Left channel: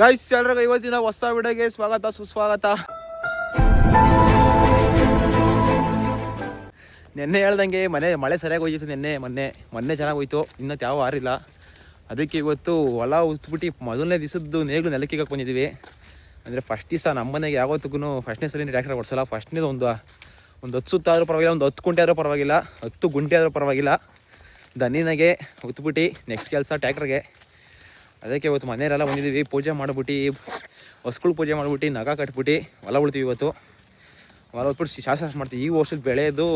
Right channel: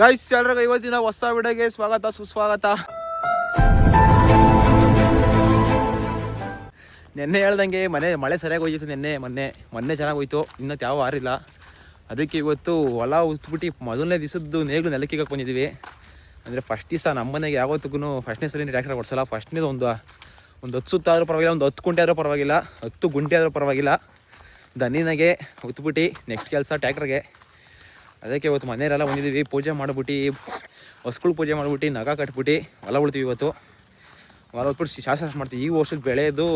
Guys ಎಲ್ರಿಗೂ ಇವತ್ತಿನ ಹೊಸ ವಿಡಿಯೋಗೆ ಸ್ವಾಗತ ಸುಸ್ವಾಗತ. ನೆನ್ನೆ ಹೇಳ್ದಂಗೆ ಮಳೆ ಸರಿಯಾಗಿ ಹೋಯ್ತು. ಮೊನ್ನೆ ಚೆನ್ನಾಗಿ ಹೋಯ್ತು. ಇನ್ನೂ ಯಾವ ಆರಿಲ್ಲ. ಅದಕ್ಕೆ ಇವತ್ತು ಹೊಲ ಉತ್ಬಿಟ್ಟು ಮೊದಲನೇ ದಿವಸದ್ದು ನೇಗ್ಲು ನೆಲಕ್ಕೆ ಬಂದಿದ್ದೀವಿ. ಅಂದರೆ ಫಸ್ಟ್ ದಿವಸ ನಮ್ಮ ಮನೆಗೆ ಯಾವತ್ತಿಗೂ ಫಸ್ಟ್ನೇ ಸಲ ಟ್ರ್ಯಾಕ್ಟರ್ ಓಡಿಸಲ್ಲ. ಫಸ್ಟ್ನೇದು ಒಂದು 10 ಸುತ್ತಾದರೂ ಪರವಾಗಿಲ್ಲ, ಒಂದು 10 ಗುಂಟೆ ಆದರೂ ಪರವಾಗಿಲ್ಲ, 10 ಗುಂಟೆ ಆದರೂ ಪರವಾಗಿಲ್ಲ, ದನಿನಾಗೆ ಉತ್ಬಿಟ್ಟು ನೆಕ್ಸ್ಟ್ ಕೆಲಸ ಟ್ರ್ಯಾಕ್ಟರ್ಗೆ. ಅದಕ್ಕೆ ಇವತ್ತು ಮನೆಯಲ್ಲೆಲ್ಲ ಬಂದಿದ್ದೀವಿ. ಪೂಜೆ ಮಾಡಿಬಿಟ್ಟು ಹೊಸ್ಗಳು ಪೂಜೆ ಮಾಡಿಬಿಟ್ಟು ನಗ ಕಟ್ಬಿಟ್ಟು ಹೊಲ ಉಳ್ತೀವಿ. ಇವತ್ತು ಹೊಲ ಉಟ್ಬಿಟ್ಟು ಶಾಸ್ತ್ರ ಮಾಡ್ತೀವಿ. ಈ ವರ್ಷದ ಬೆಳೆದು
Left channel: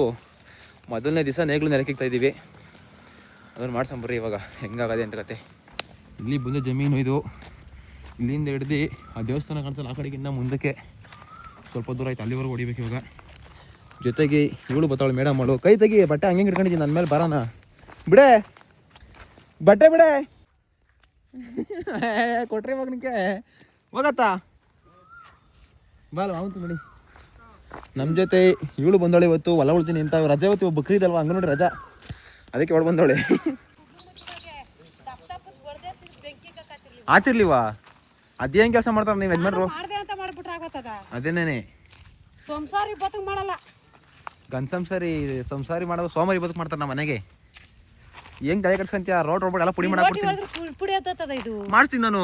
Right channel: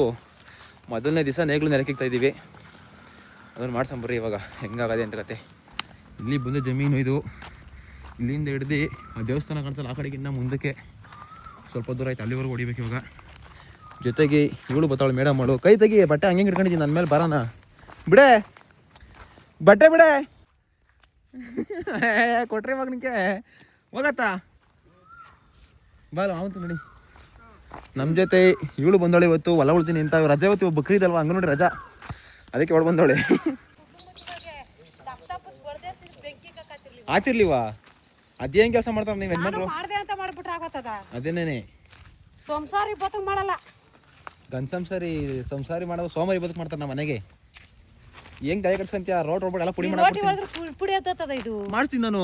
ಮೊದಲನೇ ದಿವಸ ನೇಗ್ಲು ನೆಲಕ್ಕಿಗ್ತಾ ಇದ್ದೀವಿ. ಅದನ್ನು ಮಾಡ್ಸಂಬರ್ರಿ ಇವಾಗ ಹೆಂಗಾಗದೆ ಅಂತ ಕತೆ. ಇಲ್ಲಿ ಬಂದ ಜಮೀನು ಇದು. ಇಲ್ಲಿಂದ ಹಿಡ್ದು ಆ ದೇವಸ್ಥಾನ ಕಾಣಿಸಲ್ಲ, ಆ ಕಡೆಗಿಂತ ಮುಂದಕ್ಕೆ ಸ್ವಲ್ಪ ದೂರ ಆಯ್ತು. ಅಲ್ಲಿವರೆಗೂ ಹೊಡಿಬೇಕು ಇವಾಗ. ಜೊತೆಗೆ ಇವಳು ಬರ್ತಾವಳು ಮೇಡಮ್ ಅವಳು. ಕೈ ತೆಗಿ, ಬಟ್ಟೆ ಹಂಗೆ ಹಿಡ್ಕೊಂಡಿದ್ದೀನಿ ನನ್ನ ಮೇಲೆ. ಬರೋಣ ಬಿಡೆ, ಬಟ್ಟೆ ಬಿಡೆ ಕೊಟ್ರಿ ಇವಾಗ ನಿಂಗೆ ಹೋಗತ್ತಾ ಬಾಲ್ ಆವಂತು ನೋಡಿ. ನಮ್ಮ ಜೊತೆ ಇವಳು ಬಂದವಳೆ ಇವತ್ತು. ಹೊಲ ಉಳ್ತೀನಿ ಅಂತ ರಜೆ ಇವತ್ತು ಬಕ್ರೀದ್ ಅಲ್ವಾ, ಹಂಗ ನೋಡಿ ರಜಾ. ಅದಕ್ಕೆ ಹೊಡ್ ಬಂದವಳೆ. ಆತಿರ್ಲಿವಾ ಅದೇನ್ ಕೆಲಸ ಮಾಡ್ತಾರ ನೀವು ಯಜಮಾನ್ರು? ಅದೇನೇನೆ ಸಂಸಾರಿ ಬದುಕು ಮಾಡಲ್ಲ. ಗನ್ ಸಂಸಾರಿ ಮಾಡೋದು ಸೋಮಾರಿ ಬದುಕು ಮಾಡ್ತಾರ ನಮ್ಮ ಮನೆಗೆ. ಹೆಂಗ್ ತಲೆ ಕಟ್ಸ್ಕೊಂತೀಯ? ರೋಡ್ ಎಲ್ಲ ಪುಡಿ ಮಾಡ್ತೀನಿ ನಾನು.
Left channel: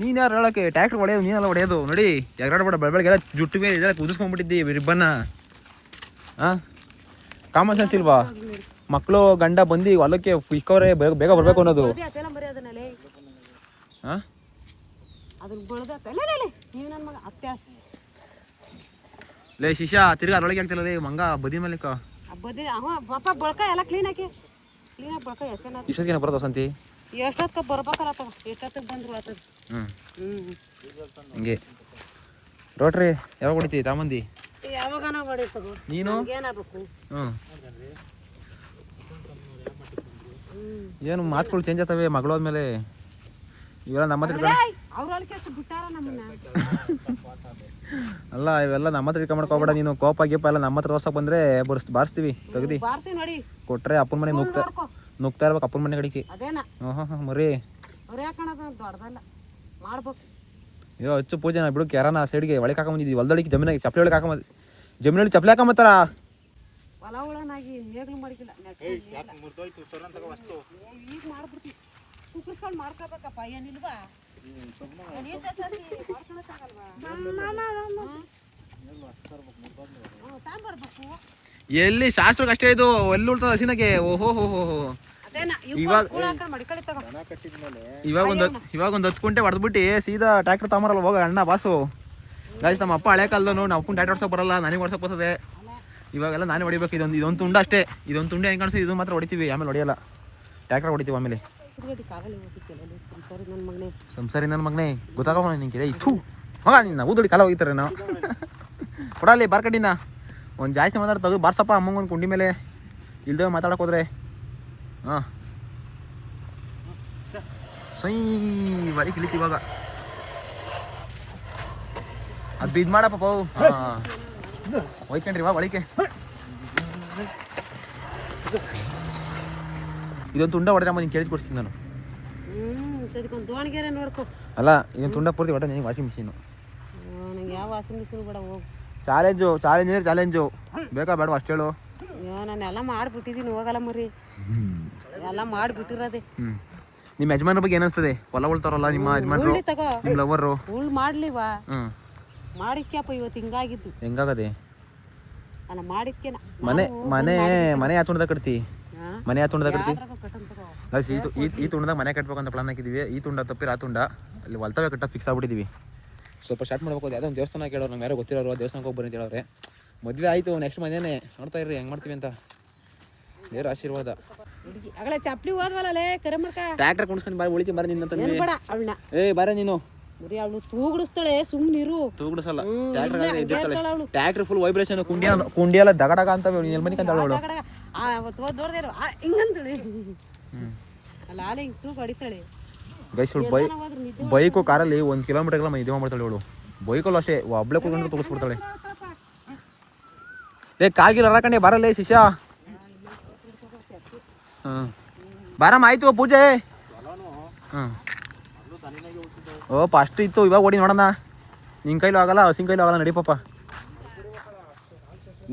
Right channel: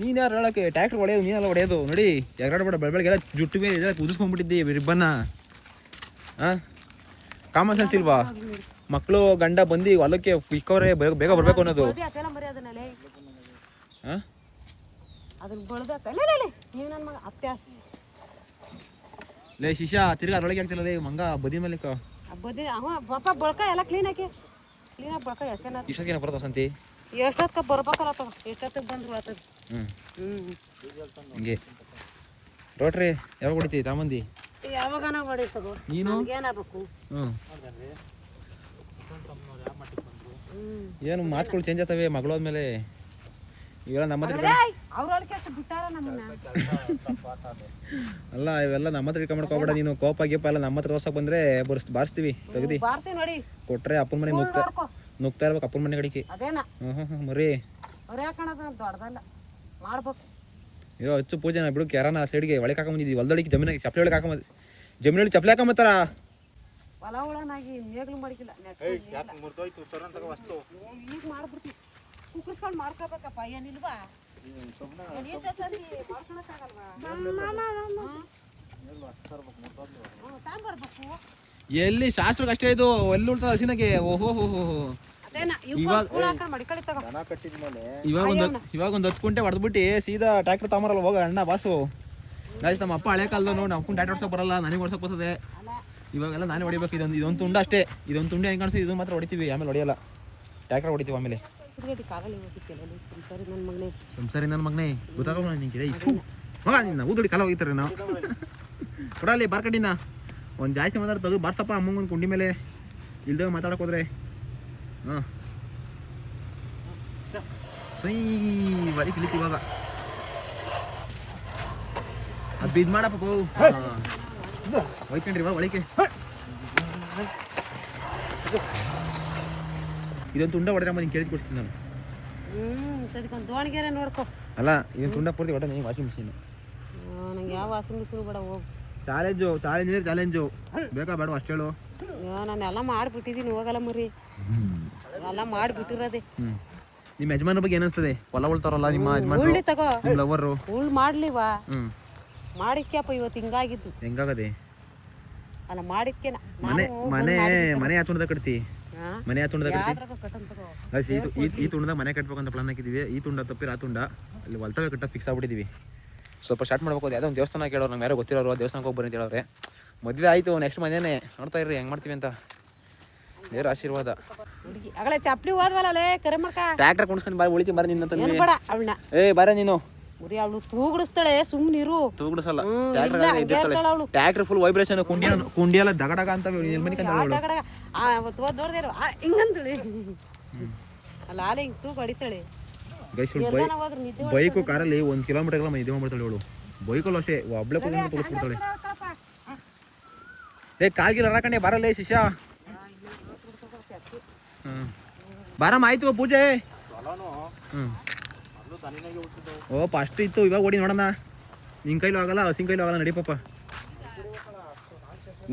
ನೀನ್ ಯಾರು ಹೇಳಕ್ಕೆ? ಟ್ರ್ಯಾಕ್ಟರ್ ಹೊಡೆಯೋದು ನೀನೆಲ್ಲ ಹೊಡೆಯೋದು ನೋಡಿ. ಎಗರಾಡ್ಬೇಡ, ಬೆಳಬೆಳಗೆಲ್ಲ ಜುಟ್ಟಿಗೆ ಇದೆಲ್ಲ ಕುದಿಸ್ಕೊಂಡ್ಬಿಟ್ಟಿದ್ದಿ ರಿಬ್ಬನ್ನ. ಕಾಮನ್ ಸೆನ್ಸ್ ಇಲ್ವಾ? ಮಕ್ಕಳು ಗಂಡ ಬಂದು ಹೊಲಕ್ಕೆ ಇಕ್ಕವ್ರೆ ಬೇಗ ಬರ್ಬೇಕು ಅನ್ನೋದು. ಲೇ ಶಿಷ್ಯ, ತಿರ್ಗಾ ಅದ್ರೊಳಗೆ ಆಗ್ತಿಲ್ಲ ಲೇ ಮಂಗ ಬದಿ ಮೇಲೆ ಬಳಕ ಎಲ್ಲ ಕ್ಲೀನ್ ಹಾಕಿ ಬಳಕ ಇಷ್ಟೊತ್ತಿನ ಬರೋದು ಸಂತಿ ಎಷ್ಟೊತ್ತ ಬರ್ಬೇಕಲ್ಲ ಎಷ್ಟೊತ್ತಿಗೆ ಬಂದ್ರು ಆತದ. ಹಿಂಗೆ ರೋಟ್ರಿ ಯಾವಾಗ ಹೊಡಿತಿ ತಾಮಂದಿ? ಯಾವಾಗನ ಹೊಡಿತಗೋ. ನೀನು ಏನಾಗಬೇಕು? ಏನು ಮಾತುಗಳು ಚೇಂಜ್ ಆಗ್ತವೆ ಮಗಳೋದ್ಮೇಲೆ. ಇವೆಲ್ಲ ನಮ್ಮ ಹತ್ರ ಬಿಟ್ಟಾರ ನಮ್ಮನ್ನ. ಅಲ್ಲ ಇವೆಲ್ಲ ನಮ್ಮ ಹತ್ರ ಇಟ್ಕೊಂಡ್ ಹೋಗ್ಬೇಡ ನೀನು. ಕೋಪ ಗೀಪ ಎಲ್ಲ ನಮ್ಮ ಹತ್ರ ತೋರ್ಸಕ್ ಬಂದ್ರೆ ಬಾರಿಸ್ತೀವಿ. ತೆಗ್ದಿ ನೋಡಿ ಕೊಟ್ರೆ ಅಪ್ಪನ ಮನೆ ನುಗ್ತಾ ಇರ್ಬೇಕು. ಅಪ್ಪನ ಮನೆ ಕಡಿಕೆ ಮರಿ ದೊಡ್ಡದಲ್ಲ ಮಾಡ್ಬೇಕು. ಅಯ್ಯೋ ಹಚ್ಚು ಪೂಜೆ ಬಿಡುಕ್ ಯಾರನ ಸೈಡ್ಗೆ ಒಳಗೆ ಹಾಕೊಂಬಂದಿದ್ವಿ. ಹೊಲದೊಳಗೆ ಜಮೀನಾಗ ಚಪ್ಪಲಿ ಒಳಗೆ ಹಾಕೊಂಬ ಜಮೀನಲ್ಲಿ ಚಪ್ಪಲಿ ಹಾಕೊಂಬತ್ತಾರ. ಹೊಲ ಉಳನಾಗಿ ನೇಗ್ಲು ಮಾಡಿಕಿಲ್ಲ. ಈಗ ಮಾಡ್ಬಿಡ್ತೀವಿ. ಕುಕ್ಕರ್ಸ್ಕೊಂಡು ಮಾಡ್ಕೋಬೇಕಪ್ಪ. ಏನಿಲ್ವಾ? ಎಲ್ಲಿ ಶಾಸ್ತ್ರಕ್ಕೆ ಅಷ್ಟೇ ಇದು. ಎಲ್ಲಿ ಉಳ್ತದ ಹಸಿನಾಗೆ. ಓಹೋ ಇವಾಗ ಒಂದು 10 ಗುಂಟೆ ಹೊಡೆದ್ಬಿಟ್ಟು ಸೀದಾ ಟ್ರ್ಯಾಕ್ಟರ್ ತಗೊಂಬರಲ್ಲ ಹೋಗ ಅಣ್ಣ ಬಾಸು. ಗಾಯ್ಸ್ ನಮ್ಮ ಅಪ್ಪ ಹಳೆ ಕಾಲದ ನಾವು ಅಪ್ಪನ ಟ್ರ್ಯಾಕ್ಟರ್ ಹೊಡ್ಸಕ್ ಬರಲ್ಲ, ನನಗೆ ಹೊಡ್ಸಕ್ ಬರ್ತದೆ. ಇವಾಗೆಲ್ಲ ನಾನೇ ಹೊಡಿಬೇಕು. ಇದೊಂದು ತುಂಡ ಅಷ್ಟೇ. ಇದೊಂದು ತುಂಡೆ ಹೆಂಗೆ ಕಾಣಿಸ್ತದೆ ಇದು ಮಾತ್ರ ಹೊಡಿತೀವಿ, ಆಮೇಲೆ ಹೊಡಿಯಲ್ಲ. ಟ್ರ್ಯಾಕ್ಟರ್ ಹೊಡಿತೀವಿ ಆಮೇಲೆ. ಸಂಸಾರಿ ನನ್ನ ಮಗನೇ ಗೊತ್ತಾಗ ನಿಂಗೆ ಮಗ ನಿನ್ನ ಊದಡಿ ಕಾಲ ಹೋಗಿತಾರೆ ನಾವು ಕೊಡಲ್ಲಿ ಬಾರ್ಕಡಿನ ಒಂದು ಜಾಸ್ತಿ ಮಾತಾಡ್ತಾ ತೆಗೆದು ಬಾರ್ಸಪ್ಪ ಅಮ್ಮಂಗೆ ಒಂದು ಕುಂಡಿ ಮೇಲೆ ಇಲ್ದೇ ಮಾತಾಡಕ್ಕೆ ಹೋದ್ರೆ. ಹಾಂ ಸೈ ಬರೀ ಕಿಳಿತಿ ಇವಾಗ ಅದು ಬಿದ್ದು ಮಾಡಪ್ಪ ಪೌ. ಹಾಂ ಒಯ್ಕೊಂಡ್ರಿ ವಾ ಒಳಿಕೆ. ಇದೊಂದು ತುಂಡ ಹೊಡೆದ್ರೆ ನಿಂಗೆ ಕೇಳಿ ಕೊಡ್ತೀನಿ ನಾನು. ನೋಡ್ಕೊ ಅಲ್ಲ ಇದೊಂದು ತುಂಡ ಪೂರ್ತಿ ಹೊಡೆ ನೀನು ವಾಷಿಂಗ್ ಮಿಷಿನು. ನಂಗೆ ಯಾವ ವಾಷಿಂಗ್ ಮಿಷಿನ್ ಬೇಡ. ಹೋಗು ಚಾಲೆಂಜು ಬೇಕಾ ಬೇಡ ಅಷ್ಟು ಹೇಳು. ನಾನು ಎಲ್ಲ ಮಾಡಿಬಿಟ್ಟಿದ್ದೀನಿ. ಹೋಗಲ್ಲ ಮರಿ, ಎಲ್ಲ ಮಾಡಿಬಿಟ್ಟಿರೋದೆ. ನಿಮ್ಮ ಯಜಮಾನ ಬಗ್ಗೆ ಏನಿಸ್ತದೆ? ಹೊಲ ಉಳ್ತಾರಲ್ಲ ನಿಮ್ಮ ಯಜಮಾನ್ರು, ನಿಮ್ಮ ಲವರು ಮಾಡ್ಲಿವಾ? ಮಾಡಿಕ್ಯಪ್ಪ ಇವತ್ತು ಹಿಂಗಾಗಿದ್ದು. ಹೆಂಗಾಗದೆ? ಅಲ್ಲ ಮಾಡಿಕ್ಯ ಮನೆ ಯಾವ ತುಂಡದಾಗ ಕಟ್ತಿ? ಮನೆ ಯಾವ ತುಂಡದಾಗ ಕಟ್ತಿ? ಈ ತುಂಡದಾಗ ಮನೆ ಕಟ್ಬೇಕು ಅಂತ ಪ್ಲಾನ್ ಹಾಕಿದೀವಿ. ಈ ತುಂಡ ತಪ್ಪಿರ ಆ ತುಂಡ ಅಲ್ಲಿ ಹೊಲ್ತವೇ ಕಟ್ಟಕ್ಕೆ ಫಿಕ್ಸ್ ಆಗ್ಬಿಟ್ಟಿದೀವಿ. ಸ್ವಲ್ಪ ಸ್ಟಾರ್ಟ್ ಮಾಡ್ಬೇಕು. ಯಾವುದೋ ಒಂದು ದೇವಸ್ಥಾನ ಕೇಳೋರು, ನಂಗೆ ಯಾರೋ ಗೊತ್ತಿರೋರು. ದೇವಸ್ಥಾನಕ್ಕೆ ಹೋಗಿ ಬನ್ನಿ ಅಂತ ಹೇಳೋರೆ. ಮದುವೆ ಆಯಿತು, ನೆಕ್ಸ್ಟ್ ಮನೇನೆ ನೋಡ್ತಾ ಇರ್ರಿ ಹೆಂಗೆ ಮಾಡ್ತೀವಿ ಅಂತ. ದೇವ್ರ ಆಶೀರ್ವಾದ. ಚಪ್ಪಲಿ ಹೋದ್ವಲ್ಲ ಕರೆ ಮಾಡ್ಕ ಟ್ರ್ಯಾಕ್ಟರ್ ಕುಣಿಸ್ಕೊಂಡು ಬಾರಿ ಉಳಿತಿ ಬಾರ ನಿನ್ನ ತಂದೆ. ಏ ಬಾರ ನೀನು. ಅವಳು ತೂಗುಡಿಸ್ತಾಳೆ, ಸುಮ್ಮನಿರು. ತೂಗುಡಿಸಲ್ಲ. Tractor full vibration. ಕುಂಡಿ ಎಲ್ಲ ದಗಡಗ ಅಂತ ಹಿಂಗಂತಳಿ ಅಲ್ಲ ಆಲೆ ಹಿಂಗ್ ತೂಗು ಹೊಡಿತಾಳೆ. ಬೈಕು ಕಾರಲ್ಲಿ 1 ಕಿಲೋಮೀಟರ್ ನಿದ್ದೆ ಮಾಡ್ತಾಳೆ ಅವಳು. ಬೈಕಲ್ಲಿ ಅಷ್ಟೇ ಒಬ್ಳೆ ಕೂತ್ಕೊಂಡು ತೂಗಿಸ್ಬಿಡ್ತಾಳೆ. ಏ ಕಾಲ್ಗಿರ ಹರಕಂಡೆ ಬರಲ್ಲೇ ಶಿಷ್ಯ. ಬಾರಮ್ಮ ಆಯ್ತು ಪೂಜೆ. ಓ ಫಸ್ಟ್ ಇತ್ತು, ಇವಾಗ ಓಡಿ ನೋಡೋಣ. ನಿನ್ನ ಕೈಲೂ ಆಗಲ್ಲ, ಹಸಿನ ಕೈಲೂ ಆಗಲ್ಲ, ನಡಿ ಪಾಪ.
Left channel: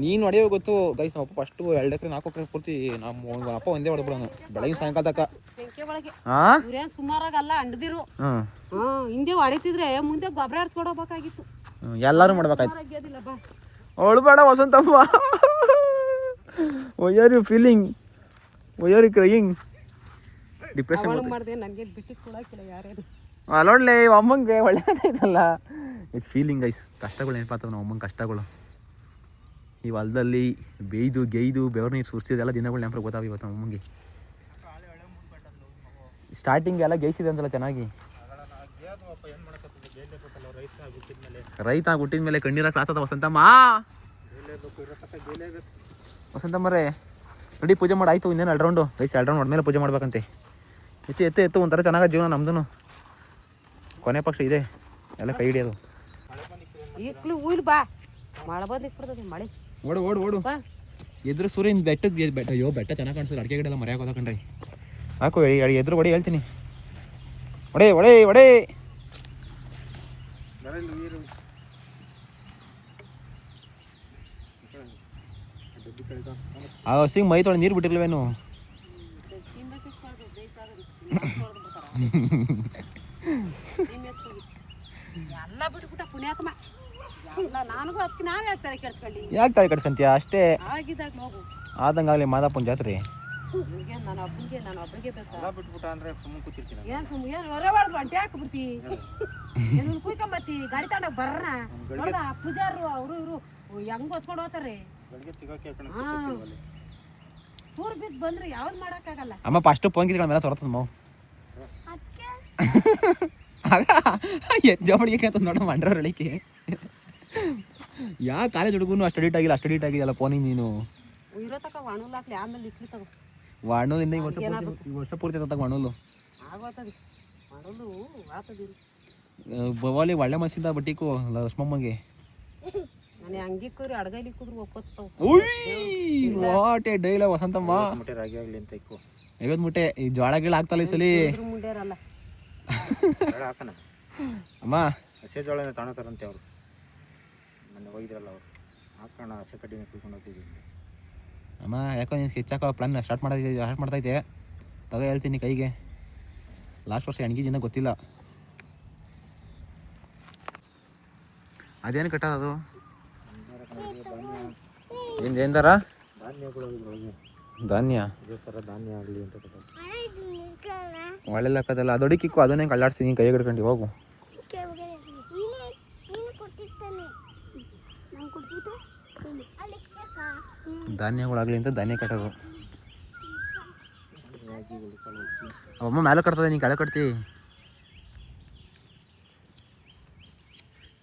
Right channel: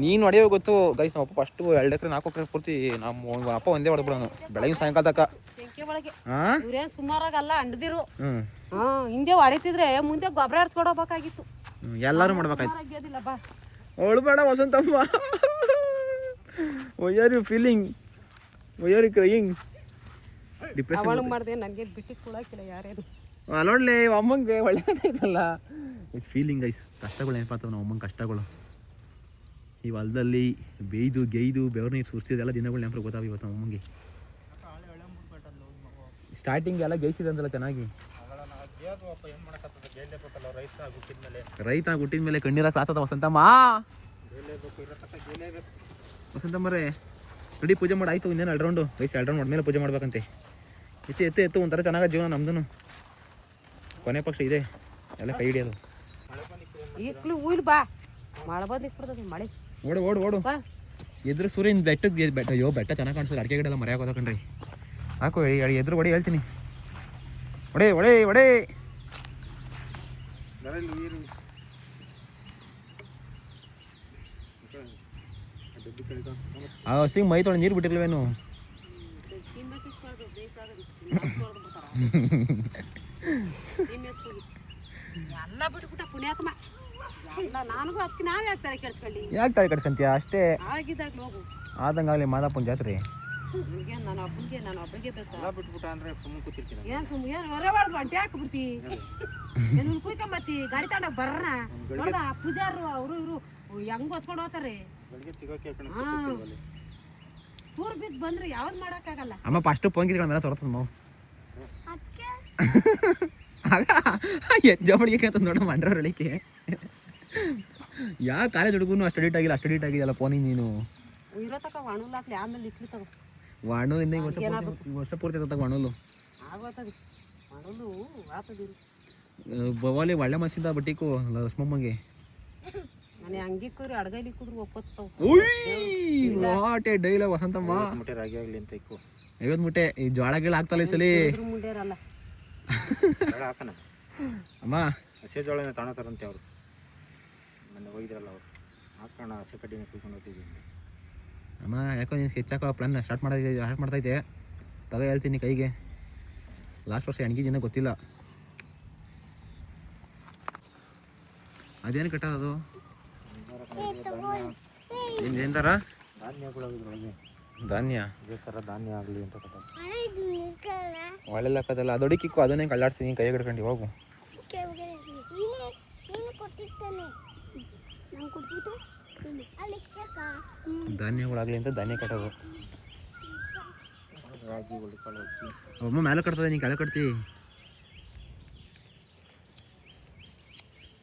ನೀನು ಹೊಡೆಯೋ ಗೊತ್ತು ಗೈಸ್. ನಮ್ಮ ಅಪ್ಪ ಫಸ್ಟು 2 ಎಕರೆ 4 ಎಕರೆ ಪೂರ್ತಿ ನಮ್ಮ ಅಪ್ಪ ಒಂದೇ ಹೊಡೆದ್ಬಿಡೋನು ಬೆಳಗಿನ ಸಾಯಂಕಾಲ ತನಕ. ಹಾಂ ಇವ್ರೇನು ಸುಮಾರಾಗಲ್ಲ ಅಂಡದಿರು. ಹಿಂದೆ ಹೊಡಿತಿದ್ರೆ ಮುಂದೆ ಗೊಬ್ಬರ ಹರ್ಚ್ಕೊಡೋಬೇಕಾಗಿತ್ತು. ಎಲ್ಲರೂ ಮಾಡ್ಬೇಕಾಯ್ತು. ಅವಳು Vasanthamma. Why are you feeling, why are you crying? Depression ಮಾಡಿದೆ, ನನಗೆ ಬಿಟ್ಟಿದ್ದು ಕೊಡೋಕ್ಕಿಲ್ಲ ಯಾರೇನು. ಅಲ್ಲೊಳ್ಳೆ ಅಮ್ಮಂಗೆ ಒಳ್ಳೆಯದೈತಲ್ಲ. It's feeling guys. ಕಷ್ಟಗಳು ನೆನಪಾಗ್ತವೆ ನಮ್ಮ ಅಮ್ಮಂಗೆ ಕಷ್ಟಗಳು. ಈ ಹೊಲದಲ್ಲಿ ಬೇಯ್ದು ಗೇಯ್ದು ಬೆವರು ನೀರು ಸುರಿಸಿದೆಲ್ಲ ದಿನಗಳು ನೆನಪು ಗೊತ್ತಾವ ಇವತ್ತು ನಮ್ಮ ಅಮ್ಮಂಗೆ. ಸ್ಟಾರ್ಟಿಂಗ್ ಎಲ್ಲ ಗೇಯ್ಸಿದೆ ಅಂತಲ್ಲ ಚೆನ್ನಾಗಿ. ರೈತ ಹುಟ್ಟಿದ ಮೇಲೆ ಕಣ್ಣೀರಾಗ ಆಗ್ತದ ವಸಂತಮ್ಮ. ವಸಂತಮ್ಮರೇ ನೋಡಿ ಪೂಜೆ ಮಾಡಿ ಆಯ್ತು. ಇನ್ನೇನು 2 ರೌಂಡು ಗೈಸ್. 2 ರೌಂಡ್ ಹೊಡ್ಮೇಲೆ ಪೂಜೆ ಮಾಡ್ಬೇಕಂತೆ. ಎತ್ತು ಒಂಥರ ಚೆನ್ನಾಗ ಜೀವನ ನಮ್ದು. ಕೊನೆ ಪಕ್ಷ ಇದೆ ಎಲ್ಲ ಕೈ ಹಿಡಿಯೋದು. ಈಗಲೂ ಉಯ್ಲು ಬಾ, ಮಳೆ ಬಂದಿರ್ತದೆ. ಮಳೆ ಓಡು ಎದುರು ಸೂರ್ಯನ ಬೆಟ್ಟ. ಅಯ್ಯೋ ಬೆಟ್ಟ ಚೆನ್ನಾಗಿ ಕಾಣಿಸ್ತದೆ. ಅಡಿಕೆ ಗಿಡ ಎಲ್ಲ ಮರೆ ಹಾಕೋದು ಕಣ್ರಿ. ಹಾಕು ಎದುರು ಹೊಡಿ ಹೇಳ್ತೀನಿ. ಒಡೆ ಆ ಹಸಿಂಗ್ ಮೈ ತೊಳೆ ನೀರು ಬಿಟ್ಟಿರ್ಲವೇನು? ಎಲ್ಲ ಬಿಟ್ಬಿಟ್ಟ ಪುಣ್ಯಾತ್ಮ. ನನಗೂ ಅದಕ್ಕೆ ನಾವೇ ಹೇಳ್ತಾರೆ ಕೆಡ್ಸ್ಕೊಳ್ಳಿ. ಯಾಕೆ ತಲೆ ಕಟ್ಸ್ಕೊಂತೀಯ? ಅಷ್ಟೇ ಆಗಿದ್ದಾಗ ಹೋಗು. ಆದಂಗಾಗಲಿ ಮಾದಪ್ಪನ ಜಾತ್ರೆ. ನಾನು ಒಬ್ಬನಿಗೆ ಬಿಟ್ಬಿಟ್ಟ ಅಂದ್ರೆ ಸುಮ್ಮನೆ ಕೂತಿರ್ತೀನಿ. ಏನು ಹೊರ ಹೊಡೆದು ಅಂಟೆ ಹಾಕ್ಬಿಡ್ತಿ. ಏನು ಕುಯ್ಕೊಂಬತ್ತಿ ಗಾಡಿ ತಗೊಂಡಾಗ ಬರ್ರ ನೋಡ್ದ ಪೂಜಾರು ಅವರು ಇವರು ಹೆಂಗ್ ಹೊತ್ಕೊಂಡು ಹೋಗ್ತಾರೆ. ಊರ್ ಬಿದ್ದು ಬಂದ್ರೆ ಯಾವ್ದು ಮಾಡಕ್ಕಾಗಲ್ಲ. ಅಮ್ಮ ಫಸ್ಟ್ ಪೊಂಗಿದ ಮೇಲೆ ಸೊರತದ ಮಾವು ಜವಳಿಗೆ ಅಂತ ನೋಡ ಮಂಡ್ರ ರಳಿಕೆ. ಯಾ ಕಾಲೇಜ್ ಹುಡುಗನು ಅಷ್ಟು ಅಡಿಟ್ ಆಗಿಲ್ಲ ಫೋನಿಗೆ ನೀನು. ಇರೋ ತಕ ಒಣಲ್ ಹಾಕ್ಲಿ, ಆಮೇಲೆ ಇಟ್ಲಿ ತಗೋ. ವಾಣೂಲ್ ಇನ್ನ ವರ್ಷ ಪೂರ್ತಿ ತಗ ವಾಣೂಲು ಆಗೋತದೆ. ಒಣಲು ಆತದಿಲ್ಲ ಬವಾಲಿ ಒಳ್ಳೆ ಮನಸ್ಸಿಂದ ಬಟ್ಟಿಕು ಲಕ್ಷ್ಮಮ್ಮಗೆ. ನಾನು ಹಂಗಿಕ್ಕೂರಿ ಅಡ್ಗೈಲಿ ಕುದ್ರು ಒಪ್ಪತ್ತಾವ. ವಾಟೆ ಡೈಲ ವಸಂತಮ್ಮ. ರಾಗಿ ಆಗ್ಲಿ ಅಂತ ಇಕ್ಕು 50 ಮುಟ್ಟೆ. ಈ ಜೋಳ ಗಿಳ ಆಗ್ತಲ್ಲ ಈ ಸಲಿ ಮುಂಡೇರಲ್ಲ ಹಾಕಣ. ಅಮ್ಮ ಹಸೆ ಜೋಳನ ತಾಣತಾರಂತೆ ಅವರು. ಮೊನ್ನೆ ಹೋಗಿದ್ರಲ್ಲ ಅವರು. ಹಾಕೋಣ ಹಸೆ ಕಡ್ಡಿನ ಕುಯ್ಕೊಂಡು ಹೋಗ್ತಿದ್ದೀನಿ. ಅಮ್ಮ ಯಾಕೋ ನೀನು ಸ್ಕೆಚ್ ಹಾಕೋ ಪ್ಲಾನ್ ಸ್ಟಾರ್ಟ್ ಮಾಡ್ತೈತೆ. ತಗೋ ಹೇಳ್ತೀನಿ ಕೈಗೆ. ಲಾಸ್ಟ್ ವರ್ಷ ಹೆಣ್ಗಿದಿನ ಗೊತ್ತಿಲ್ಲ. ಅದೇನು ಕಟ್ಟೋದು? ಏನ್ದಾರ ಧಾನ್ಯ ಇದೇ ಥರ ಧಾನ್ಯ ಆಗಲಿ ಅಂತ ಕಟ್ಟ. ಒಳ್ಳೆಲ್ಲ ಹಾಕೋದಲ್ಲ ಅದು ಅಡಿಕಿಕ್ಕು. ಅದನ್ನೇ ಕಳ್ಳಾಡ್ತೀನಿ ಕೈ ಹಿಡ್ಕೊಂಡು ಹೋಗು. ಧಾನ್ಯಗಳಾಗಲಿ ಅಂತ ಧಾನ್ಯ ಕಟ್ಟೋದು. ಅಮ್ಮ ಮೇಲೆ ಕಟ್ತದೆ, ನೀನು ಕೆಳಗೆ ಕಟ್ತಿ.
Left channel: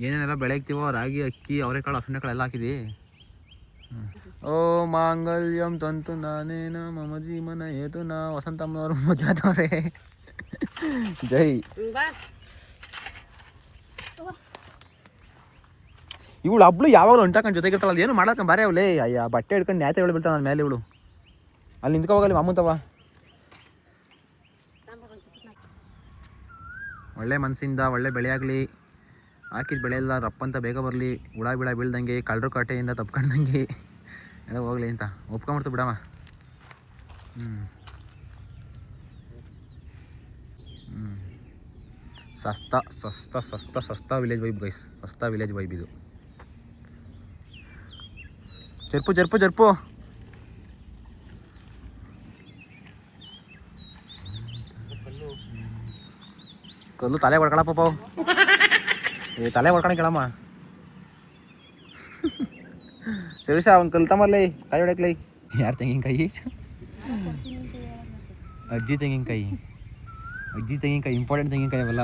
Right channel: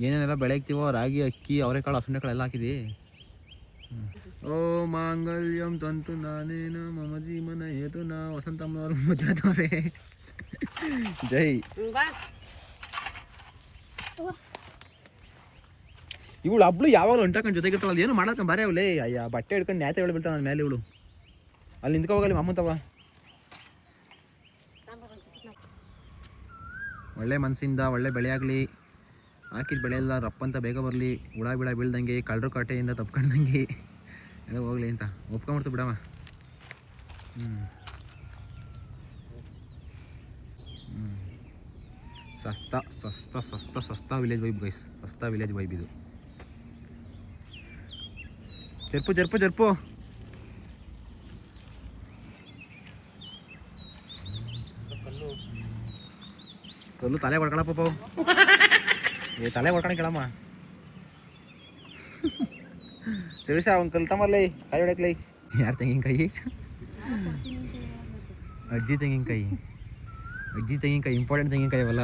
ಏನೇನೆಲ್ಲ ಬೆಳೆ ಹಾಕ್ತೀವೋ ರಾಗಿ ಅಕ್ಕಿ ಅವರೆಕಾಳು ಹಸುಂಡೆ ಕಾಳು ಎಲ್ಲ ಹಾಕಿದಿ. ಓ ಮಾಂಗಲ್ಯಂ ತಂತು ನಾನೇನ ಮಮ ಜೀವನ ಏತು ನಾ. ವಸಂತಮ್ಮನವರು ಮದುವೆ ಜೈ. ಇವಳು ಹಬ್ಳು ಯಾವಾಗ ಹೊಂಟಾಕೊಂಡು ಜೊತೆಗಿರ್ತಾಳ. ಅದು ಏನು ಮಾಡಕ್ಕ ಬಾರೆ ಅವಳೇ. ಅಯ್ಯ ಬಟ್ಟೆ ಹಿಡ್ಕೊಂಡು ನ್ಯಾತೆ ಬೀಳ್ತಾಳ ನನ್ನ ಮೇಲೆ ಇವಳು. ಅಲ್ಲಿ ನಿಂತ್ಕೋವಾಗಲಿ ಮಾಮೂತವ. ಒಳ್ಳೆ ಮನಸ್ಸಿಂದ ಒಳ್ಳೆ ಬೆಳೆ ಆಗಲಿ. ಹಾಕಿದ ಬೆಳೆ ಎಲ್ಲ ರಪ್ಪಂತ ಬೇಗ ಬರಲಿ. ಹುಳ ಬಿಳ ಬೀಳ್ದಂಗೆ ಕಳ್ಳರು ಕಾಟೆಯಿಂದ ತಪ್ಕೊಂಡಂಗೆ ಎಲ್ಲ ಹೋಗ್ಲಿ ಅಂತ ಒಪ್ಕೊಂಬಿಡ್ತು ಬಿಡಮ್ಮ. ಸಸ್ತಾ ವಿಲೇಜ್ ವೈಬ್ ಗೈಸ್. ಸಸ್ತಾ ವಿಲೇಜ್ ವೈಬ್ ಇದು. ಜರ್ಪು ಕಲ್ಲು ತಲೆ ಹೊಡ್ಕೊಳಪ್ಪ ಪಾವು. ತಲೆ ಹೊಡ್ಕೊಳಕ್ ಹೇಳಮ್ಮ. ಸವಿಸ ಅವ್ನು ಕಲ್ತಮ್ಮಲ್ಲಿ ಕಾಯಿ ಹೊಡ್ಯಕ್ಲಿ. ಯಾರು ತೆಂಗಿನಕಾಯಿ? ಅಜ್ಜಿ ತೆಂಗಿನಕಾಯಿ ಇಂಪಾರ್ಟೆಂಟ್ ತೆಂಗಿನಕಾಯಿ ಅವೆಲ್ಲ.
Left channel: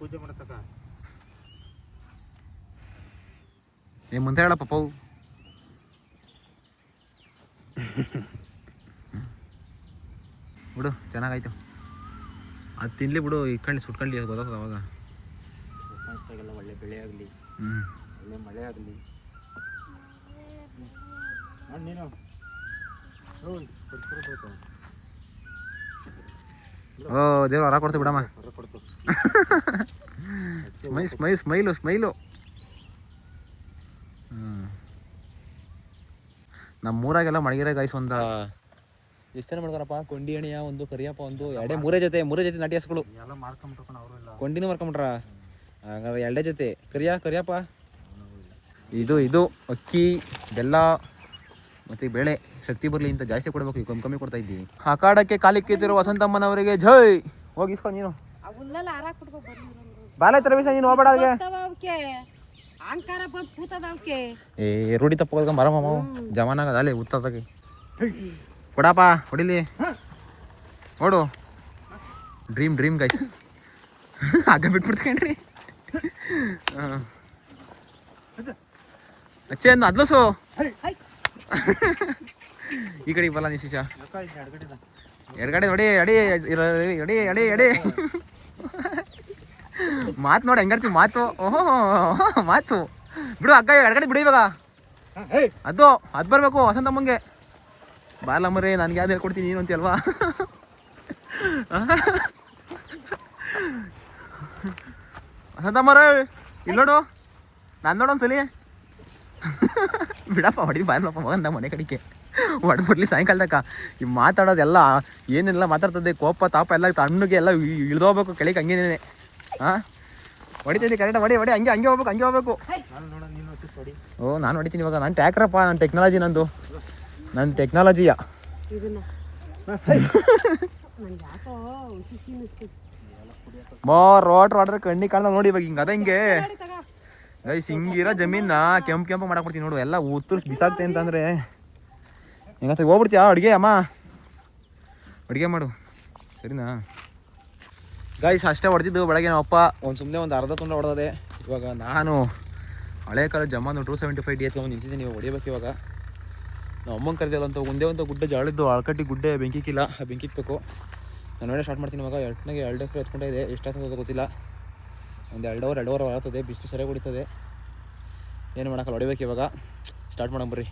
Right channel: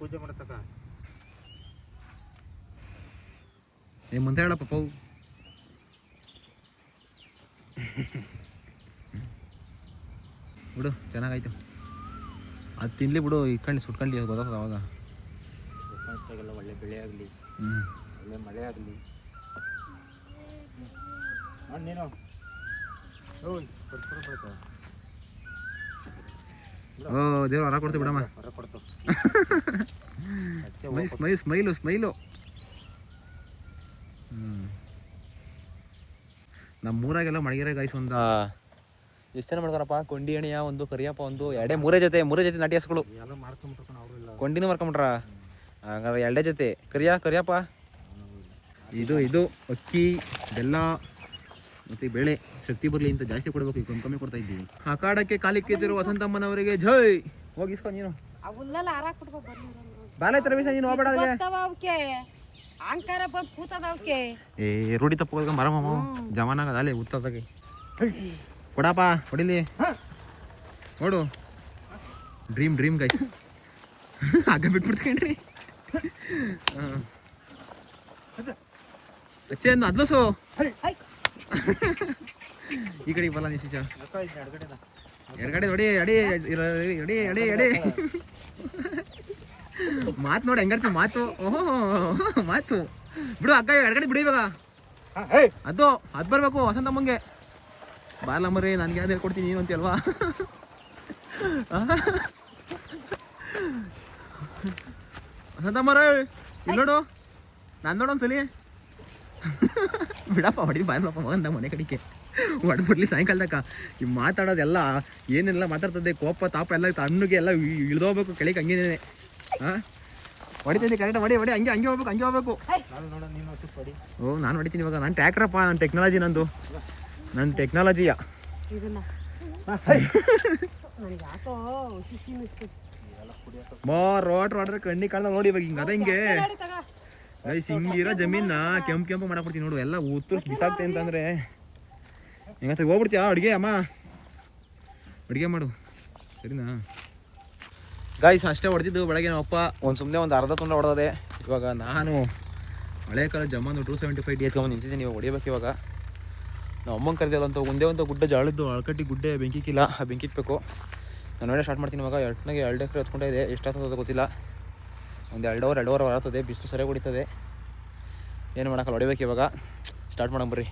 ಪೂಜೆ ಮಾಡತಕ್ಕ ಮುಂದೆ ಹೇಳಪ್ಪ ಪಾವು. ಬಿಡು ಚೆನ್ನಾಗಾಯ್ತು. ಅದು ತಿನ್ಲಿ ಬಿಡು. ಇಟ್ಕೊಂಡು ಸುಟ್ಕೊಂಡು ಗೊತ್ತಾಗ್ತದೆ ಅವಾಗ. ಒಳ್ಳೆ ಬೆಳೆ ಆಗಲಿ, ಒಳ್ಳೆ ಮಳೆ ಆಗಲಿ. ನೀನು ಓಯ್ ಕೊಡ್ತು ಓ ದೇವ್ರು ಹೊರ ಕೊಡ್ತೀವಿ ಬಿಡಮ್ಮ. ಹೊರ ಕೊಡ್ತು ಸ್ಮೈಲು. ನಮ್ಮೂರಾಗೆಲ್ಲ ಮಡಗಿರ ಗಾಯ್ಸ್ ಒಂದು ಎಷ್ಟು ಜನ ಮಾಡ್ತಾರಪ್ಪ? ಕೊಂಡಿ ಅಣಿಯ ಒಂದು, ಕರಿಯಪ್ಪ ಒಂದು, ಮೂರೇ ಜೊತೆ ನಾಟಿ ಹಸುಗಳು ಎಲ್ಲ ಮಾಡ್ಕೊಂಬಿಟ್ರು ಅವರೆಲ್ಲ. ಕೊಂಡಿನೂ ಮಾಡ್ಕೊಂಬಿಟ್ರ. ಹಂಗಾದ್ರೆ 2 ಜೊತೆ ಕರಿಯಪ್ಪ. ಇದು ಅಕ್ಕಿ, ಬೆಲ್ಲ ಮತ್ತು ಬೇಳೆ ಶಕ್ತಿ ಬರಲಿ ಅಂತ ಜಾಸ್ತಿ ಕೊಡಬೇಕು, ಈಗ ಕಮ್ಮಿ ಕೊಡ್ತಾ ಇದ್ದೀವಿ. ಅಖಾಡಕ್ಕೆ ಕಾಲಿಕ್ಕಿತ್ತಿರುವ ವಸಂತಮ್ಮನವರಿಗೆ ಜೈ. ಹೋಗಿಸ್ಕೊಂಡು ನೀನು ಅವನ್ನೆಲ್ಲ ಆರಾಕ್ ಬಿಡ್ಕೊ ಬರ್ಲಿ ಬಾಲಾಯ್ತು ರಮೇಶ, ನೀನು ಹೋಗ್ಬೇಡ. ಅವಕ್ಕೆ ಅಹಂಕಾರ ಬಂದು ಕೂತದ ಅವಕ್ಕೆ. ರೂಢಿ ತಪ್ಪ ಮರಮ್ಮ ಜಮಾನಾಗದ ಅಲ್ಲೇ ಉತ್ತದಾಗಿ ಕೊಡಪ್ಪ ಹೊಡಿಲಿ. ನೋಡು ಡ್ರೀಮ್ ಗೈಸ್. ಆಗ ಬಿಟ್ಬಿಡ್ತೇನ್ರಿ. ಅಚ್ಚೆ ಅಂದ ಅದ್ಲಸು ಈ ಕಡೆಗೆ ಬಲ್ಲ ನೀ ಶಿಶಾ. ಎಡಗಡೆ ನೋಡಿ ಎಡೆ ಮಾತು ನೋಡಿ ಹೆಂಗಾಡ್ತೀವಿ ಮಾತು. ಓಹೋ ಮಾತು ಬಿಡು ಅಕ್ಕ, ಎಡಗಡೆ ಬಿಡು ಇವಾಗ. ಅದು ಬರ್ಬೇಕು ವಸಂತಮ್ಮಂಗೆ. ಬಾಲಮ್ಮರೇ ನನಗೆ ಯಾವ್ದು ಹೇಳ್ಕೊಡ್ತೀನಿ ನೀನು ಅಂತೀಯಲ್ವಾ? ವಸಂತಮ್ಮರೇ ಇಲ್ಲಿ ನೋಡು, ನಾನು ನೋಡೋನ್ಸಲಿ. ಬಿಡಪ್ಪ ಹೊಡಿ ಬಾಯ್ಲಪ್ಪ ಮಗಂದ ಮನೆ ಕಡೆಗೆ ಹೊಡೆದ್ಬಿಡ್ಲಿ ಸಾಯಂಕಾಲದಕ್ಕ. ಈ ಮಾತಾಡೋದೆಲ್ಲ ಏನೆಲ್ಲ ಮಾತಾಡ್ತದೆ, ಕೋಪ ತಾಪ ಎಲ್ಲ ತಣ್ಣಗೆ ಎಲ್ಲ ಇಳ್ದೋಗ್ಬೇಕು ಕೆಳಗೆ ಹಂಗೇನೆ. ಹಾಂ ಹೊಡಿತೈತಿ ಕರೆಕ್ಟ್, ಹೊಡಿ ಹಂಗೆ ಹೋಗ್ಬೇಕು. ಓ ನಾನು ಹೊಡಿತೀನಿ ಇವಾಗ. ನಾನು ಟ್ಯಾಕ್ರಪ್ಪ, ನನ್ನ ಟೆಕ್ನಾಲಜಿ ನನ್ನ ಟೆಕ್ನಾಲಜಿಯ. ರೋಟ್ರ್ ವಾಟ್ರ್ ಕಣ್ಣಿ ಕಾಣ್ದ ನೋಡಿ ಇವಾಗ ಹಿಂಗೆ. ಅದ ಹಿಂಗೆ ಗೈಸ್ ಹಿಂಗಿರೋ ಜಮೀನ ಕೆಂಪು ಮಾಡಾಕ್ಬಿಡ್ತೀನಿ ನೋಡು. ಎಲ್ಲ ಉತ್ತರ್ಸಿ ಬಿಸಾಕ್ತೆ ಅಂತಂದರೆ ಹೆಂಗಂತ ಹೋಗ್ಬಿಡ್ತೀಯ ಅಡುಗೆ ಅಮ್ಮ, ಅಡುಗೆ ಮಾಡು ಸರಿನಾ? ಗೈಸ್ ಅಷ್ಟೇ ಹೊಡೆದಿದ್ದು ಬೆಳಗ್ಗೆ ನಮ್ಮಪ್ಪ ಸುಮ್ಮನೆ ಒಂದು ಅರ್ಧ ತುಂಡ ಹೊಡೆದದೆ. ಇವಾಗ ನಾನು ಹಳೆ ಕಾಲ ಜಮಾನು 275 ಡಿ ಎತ್ಕೊಂಡು ನಿಂತಿದ್ದೀನಿ. ಇವಾಗ ಹೊಡಿಬೇಕು. ಇವಾಗ ನಾವು ಅಮ್ಮಂಗೆ ಕರೆದಿಲ್ಲ ಅಂತ ಒಂದೇ ಗುಡ್ಡೆ ಜಾಳಿದ್ದು ಆಳ್ಕಟ್ಟಿ ಗುಡ್ಡೆ ಬೆಂಕಿಕ್ಕಿಲ್ಲ, ಆ ಬೆಂಕಿಕ್ಬೇಕು. ನಾನು ಒಳ್ಳೆ ಸ್ಟಾರ್ಟ್ ಮಾಡ್ತೀನಿ ಇವಾಗ. 2 ಎಕರೆ ಹೊತ್ಕೊಂಡೆ ಇದೆ. ಎಷ್ಟಾಗ್ತದೆ ಗೊತ್ತಿಲ್ಲ, ಒಂದು 2 ಅವರ್ ಬರ್ತದೆ. ಬಿಸಿಲು ಸರಿಯಾಗಿ ಹೊಡಿತದೆ, ಏನು ಮಾಡೋಕ್ಕಲ್ಲ. ಹೊಡಿಬೇಕು ಇವಾಗ. ಸ್ಟಾರ್ಟ್ ಮಾಡೋಣ ಬರ್ರಿ.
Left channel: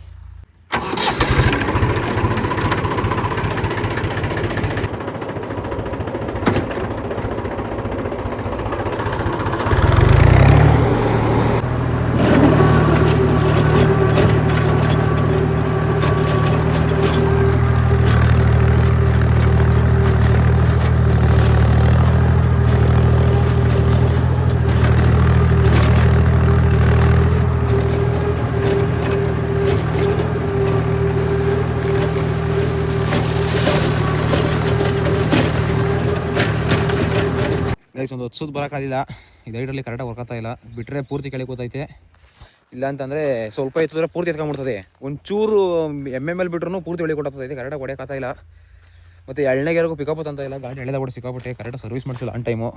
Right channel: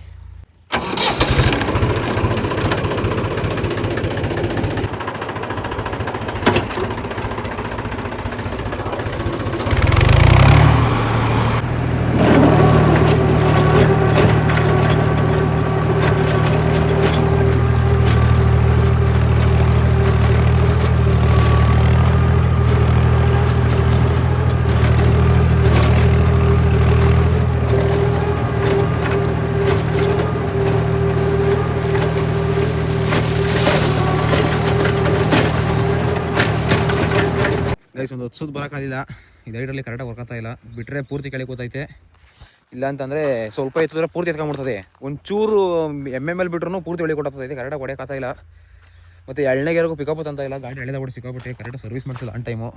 ಒಂದು ಹೊತ್ಸೋದು ಬರೋಕ್ಕಾಗಿಲ್ಲ. ಇದು ಐಡಲ್ಲಿ ಕರೆಕ್ಟಾಗಿ ವರ್ಕತ್ತಾ ಇಲ್ಲ. ಬಿಟ್ಟರೆ ಪೂರ್ತಿ ಕೆಳಗೆ ಕೂತೈತೆ. ಇಲ್ಲ ಅಂತಂದರೆ ಸ್ವಲ್ಪ ಎತ್ತಿದ್ರೆ ಪೂರ್ತಿ ಎತ್ಕೊಂಡ್ಬಿಡ್ತದೆ. ಒಂಚೂರು ಎಮ್ಮೆಲ್ ಬಿಟ್ರೂ ಪೂರ್ತಿ ಒಳಗೆ ಕೊಟ್ಟೈತೆ. ಕರೆಕ್ಟಾಗಿ ಹೊಡೆಯೋಕ್ಕಾಗ್ತಾ ಇಲ್ಲ. ಮತ್ತು ಎಳ್ಳೆಗೆರೆಗೂ ಪಿಕಪ್ ಅಂತ ಇಲ್ಲ. ಗಾಡಿ ಎಳೆದಾಗ್ಬಿಟ್ಟು ಸಿಕ್ಕಾಬಿಟ್ಟೆ. ಕರೆಕ್ಟಾಗಿ ಸರ್ವಿಸ್ ಮಾಡಿಸಿಲ್ಲ ಆನ್ ಟೈಮು.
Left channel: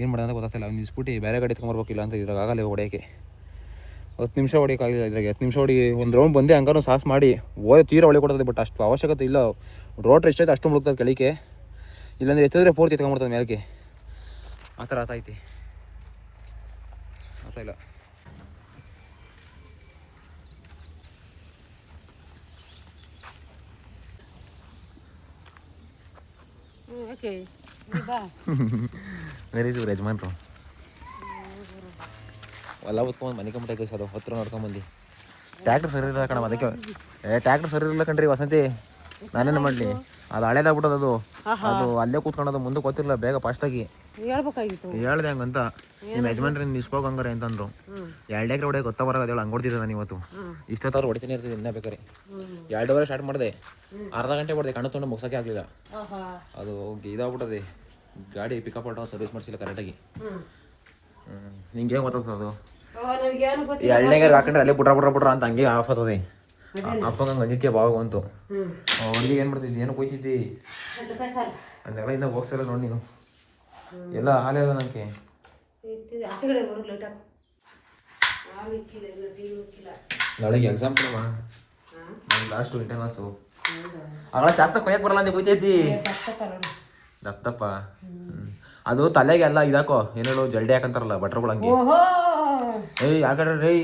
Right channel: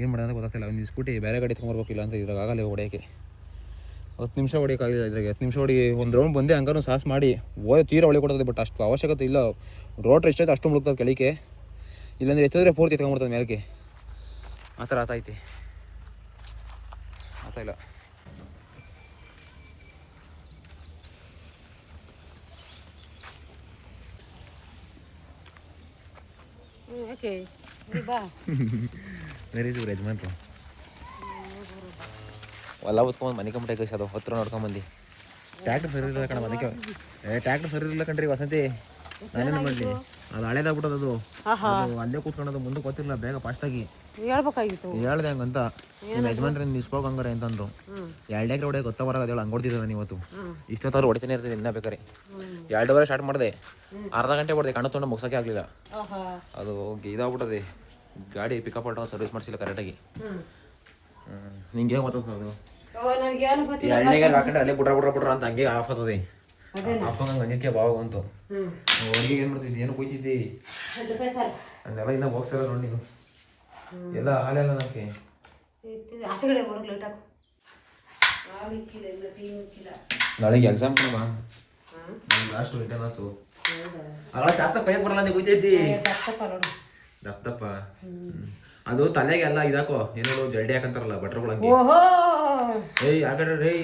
ಏನು ಮಾಡೋದು ಅಂತ ಗೊತ್ತಾಗ್ತಿಲ್ಲ. ಒಂದು ಸ್ಕೂಟಿ ಬೇರೆ ಗಾಡಿ ಎತ್ಕೊಂಬರ್ಬೇಕಿಲ್ಲ ಅಂತ ಇದ್ರಾಗ ಆಗಲ್ಲ ಹೊಡೆಯೋಕ್ಕೆ. 10 ನಿಮಿಷ ಹೊಡೆಯೋಕ್ಕಾಗಿಲ್ಲ ಇದ್ರಾಗೆ. 10 ನಿಮಿಷ ಹೊಡಿ ಒಂದು ರೌಂಡ್ ಬಂದೆ ಹಂಗಾರು ಸಾಸ್ ಮಾಡಿ ತೀರ ಒಳಗೆ ಕೊಡ್ತದೆ. ಬಟ್ ಅಷ್ಟು ಅವಶ್ಯಕತೆ ಇಲ್ಲ. ರೋಟ್ರ್ ಎಷ್ಟೈತೆ ಅಷ್ಟು ಮುಳುಗ್ತದೆ ಕೆಳಗೆ. ಇಲ್ಲಾಂದರೆ ಎತ್ತಿದ್ರೆ ಪೂರ್ತಿ ಎತ್ಕೊಂಡ್ಬಿಡ್ತದೆ ಮೇಲಕ್ಕೆ. ಆ ಥರ ಆತೈತಿ. ಆತಾಯಿಲ್ಲ. ಓಕೆ ವೆರಿ ಗುಡ್ ಯಜಮಾನ್ರು. ಎಲ್ಲ ಹೊತ್ಕೊಂಬಂದು ಮನೆ ಕಂಬಿಟ್ಟೆ ಕಳಿಸೋದು ಹತ್ರ ನೋಡ್ಕೊಂಬಂದು. ಟ್ಯಾಕ್ಟ್ರ್ ಸರಿ ಇಲ್ಲ ಕಣ ಅದಕ್ಕೆ. ಟ್ಯಾಕ್ಟ್ರ್ ಸರಿ ಇಲ್ಲ ಕಣ್ರಿ ವಸಂತಿ. ನಾನೇನು ಮಾಡಲಿ, ಅದು ಹಳೇದಾಗ್ಬಿಟ್ಟದ. ಅದು ಅಲ್ಲೇ ಕೂತ್ಕೊಳ್ಳೋದು, ಮುಂದೆ ಗೊತ್ತಿರಲಿಲ್ಲ. ಬೇಗ ಫಾಸ್ಟಾಗಿ ಹೇಳ್ಬೇಕಾಗಿತ್ತು. ಹೇಳ್ದೆ ಹಂಗಂತ. ನಿಮ್ಮ ಯಜಮಾನ್ರಿ ನಿಸ್ಕೋಗ ಹಂಗಾರೆ ಅಂತಂದ್ರು. 2 ಎಕರೆ ಹೊಡೆ ಗೊತ್ತಾ ಬರೋದು ಹೇಳಿ ಹಂಗೆ ಹೊಡ್ತಿದ್ದೆ ನಾನು ಇವತ್ತು. ಇಷ್ಟೊತ್ತವ್ರು ಹೊಡಿತಾನೆ ಇರ್ತೀನಿ ಇನ್ನೂ ಬೇಕಾರೆ. 2 ಅವರ್ ಸ್ಟಾರ್ಟ್ ಮಾಡಿದೆ, ಅರ್ಧ ಗಂಟೆ ಹೊಡೆದೆ. ಕಣ್ಣು ತೊಗೊಂಡು ಮುಗ್ಸೋಕ್ಕೆ ಆಗಲಿಲ್ಲ. ಅದು ಇದಾಗ್ಬಿಟ್ಟದೆ. ಗಾಡಿ ಪಿಕಪ್ ಆಟೋ ಸರ್ವಿಸ್ ಮಾಡಿಸಿಲ್ಲ ಕರೆಕ್ಟಾಗಿ. ನಿಂಗೆ ಏನು ಮಾತಾಡ್ಸೋದು? 2 ಎಕರೆ ಹಾಕೊಂಡ್ರೆ ಅಲ್ಲಿ ಬಿಟ್ರ ಅಂತ ಹಂಗೆ ಆಫ್ ಆಗ್ತದೆ. ಅಪ್ಪಂಗೆ ಬಂದಿದ್ದೆ ಬಾವಾಗ ಬಂತು. ಹುಡುಗಿ ಏನು ಮಾಡ್ತಿದ್ದಿ? ಏನು ಕೊಯ್ತಿದ್ದಿ? ಅದೆಲ್ಲ ಇನ್ನೂ ಹೋಗ್ತಾರ ನೋಡಿ ನೀನು. ಎಲ್ಲ ಹಾಲೆಲ್ಲ ನನಗೆ ನಾಳೆಗೆ ಎಕ್ಸಾಮ್ ಕೊಡುವ. Last internals. ಅವಾಗ ಚಾಕ್ತ ಕೊಯ್ಯಕ್ಕೆ ಬರಲ್ಲ ಅಂತ ಕೊಯ್ತೈತಿ. ದಪ್ಪ ಅದು ತಲೆಗೆ ಎಲ್ಲ ಇದಾಕೋ ಏನೇಳು ಜಲ್ಡಿ ಹಾಕಂತಾರಲ್ಲ ಬಟ್ರುಗಳಂಗೆ. ಏಯ್ ಯಾಕಂದ್ರೆ ರೀ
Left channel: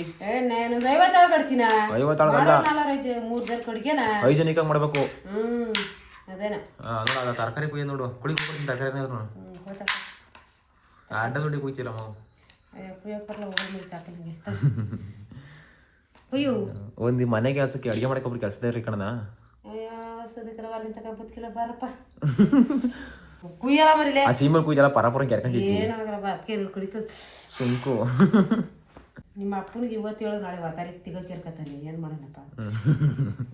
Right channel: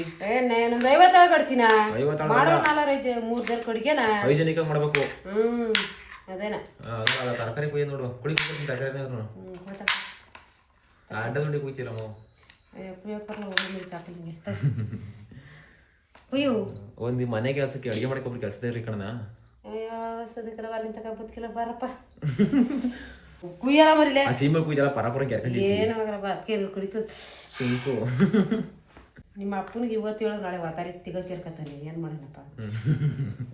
ನಾನೊಂದು 50 ಕಡ್ತೀನ 50 ಮಾಡೋ 3 ಜನ ಕಡ್ಗೆನ ಹೈಜೆನಿಕ್ ಆಗಿ ಮಾಡ್ಬೇಕು. ಅದೇನ ತರಕಾರಿ ಕುಯ್ಯ ನೋಡು ಕುಡಿ ತರಕಾರಿ ಅಡ್ಡ ದುಡ್ಡಿ ಕುಯ್ತಿಲ್ಲ ನಾವು. ಕುಯ್ಯು ಒಂದು ಮನೆ ಕೆಲಸಕ್ಕೆ ಅಡುಗೆ ಮಾಡ್ಕೊಬ್ರು ಕೆಲಸದ ರೀ ಕಣನ. ಸದಕ್ಕೆಲ್ಲ ಅಲ್ಲಿಂದ ತಗೊಬತ್ಕಿಲ್ಲ ಬಾರಪ್ಪ ಕುಯ್ಯಲ್ಲ ಮರಿಲೆ ಆ ಸೀಮೆ ಕುಯ್ದೆಲ್ಲ ಪರಪರ ಕೆರ್ಕೊಂಡಿದ್ವಿ. ಏನಾಗಲ್ಲ ಬಾ ಅದಕ್ಕೆ ಕುಡಿತು ಸುಮ್ಕು. ನಿಮ್ಮ ಅಪ್ಪನಿಗೆ ಇವತ್ತು ಹೇಳು ನಾಳೆ ವಾತಾರಿಗೆ ತಿಗೋ ಕೇರ್ಕತಾನೆ ಏನು ಮಾಡೋಣಪ್ಪ.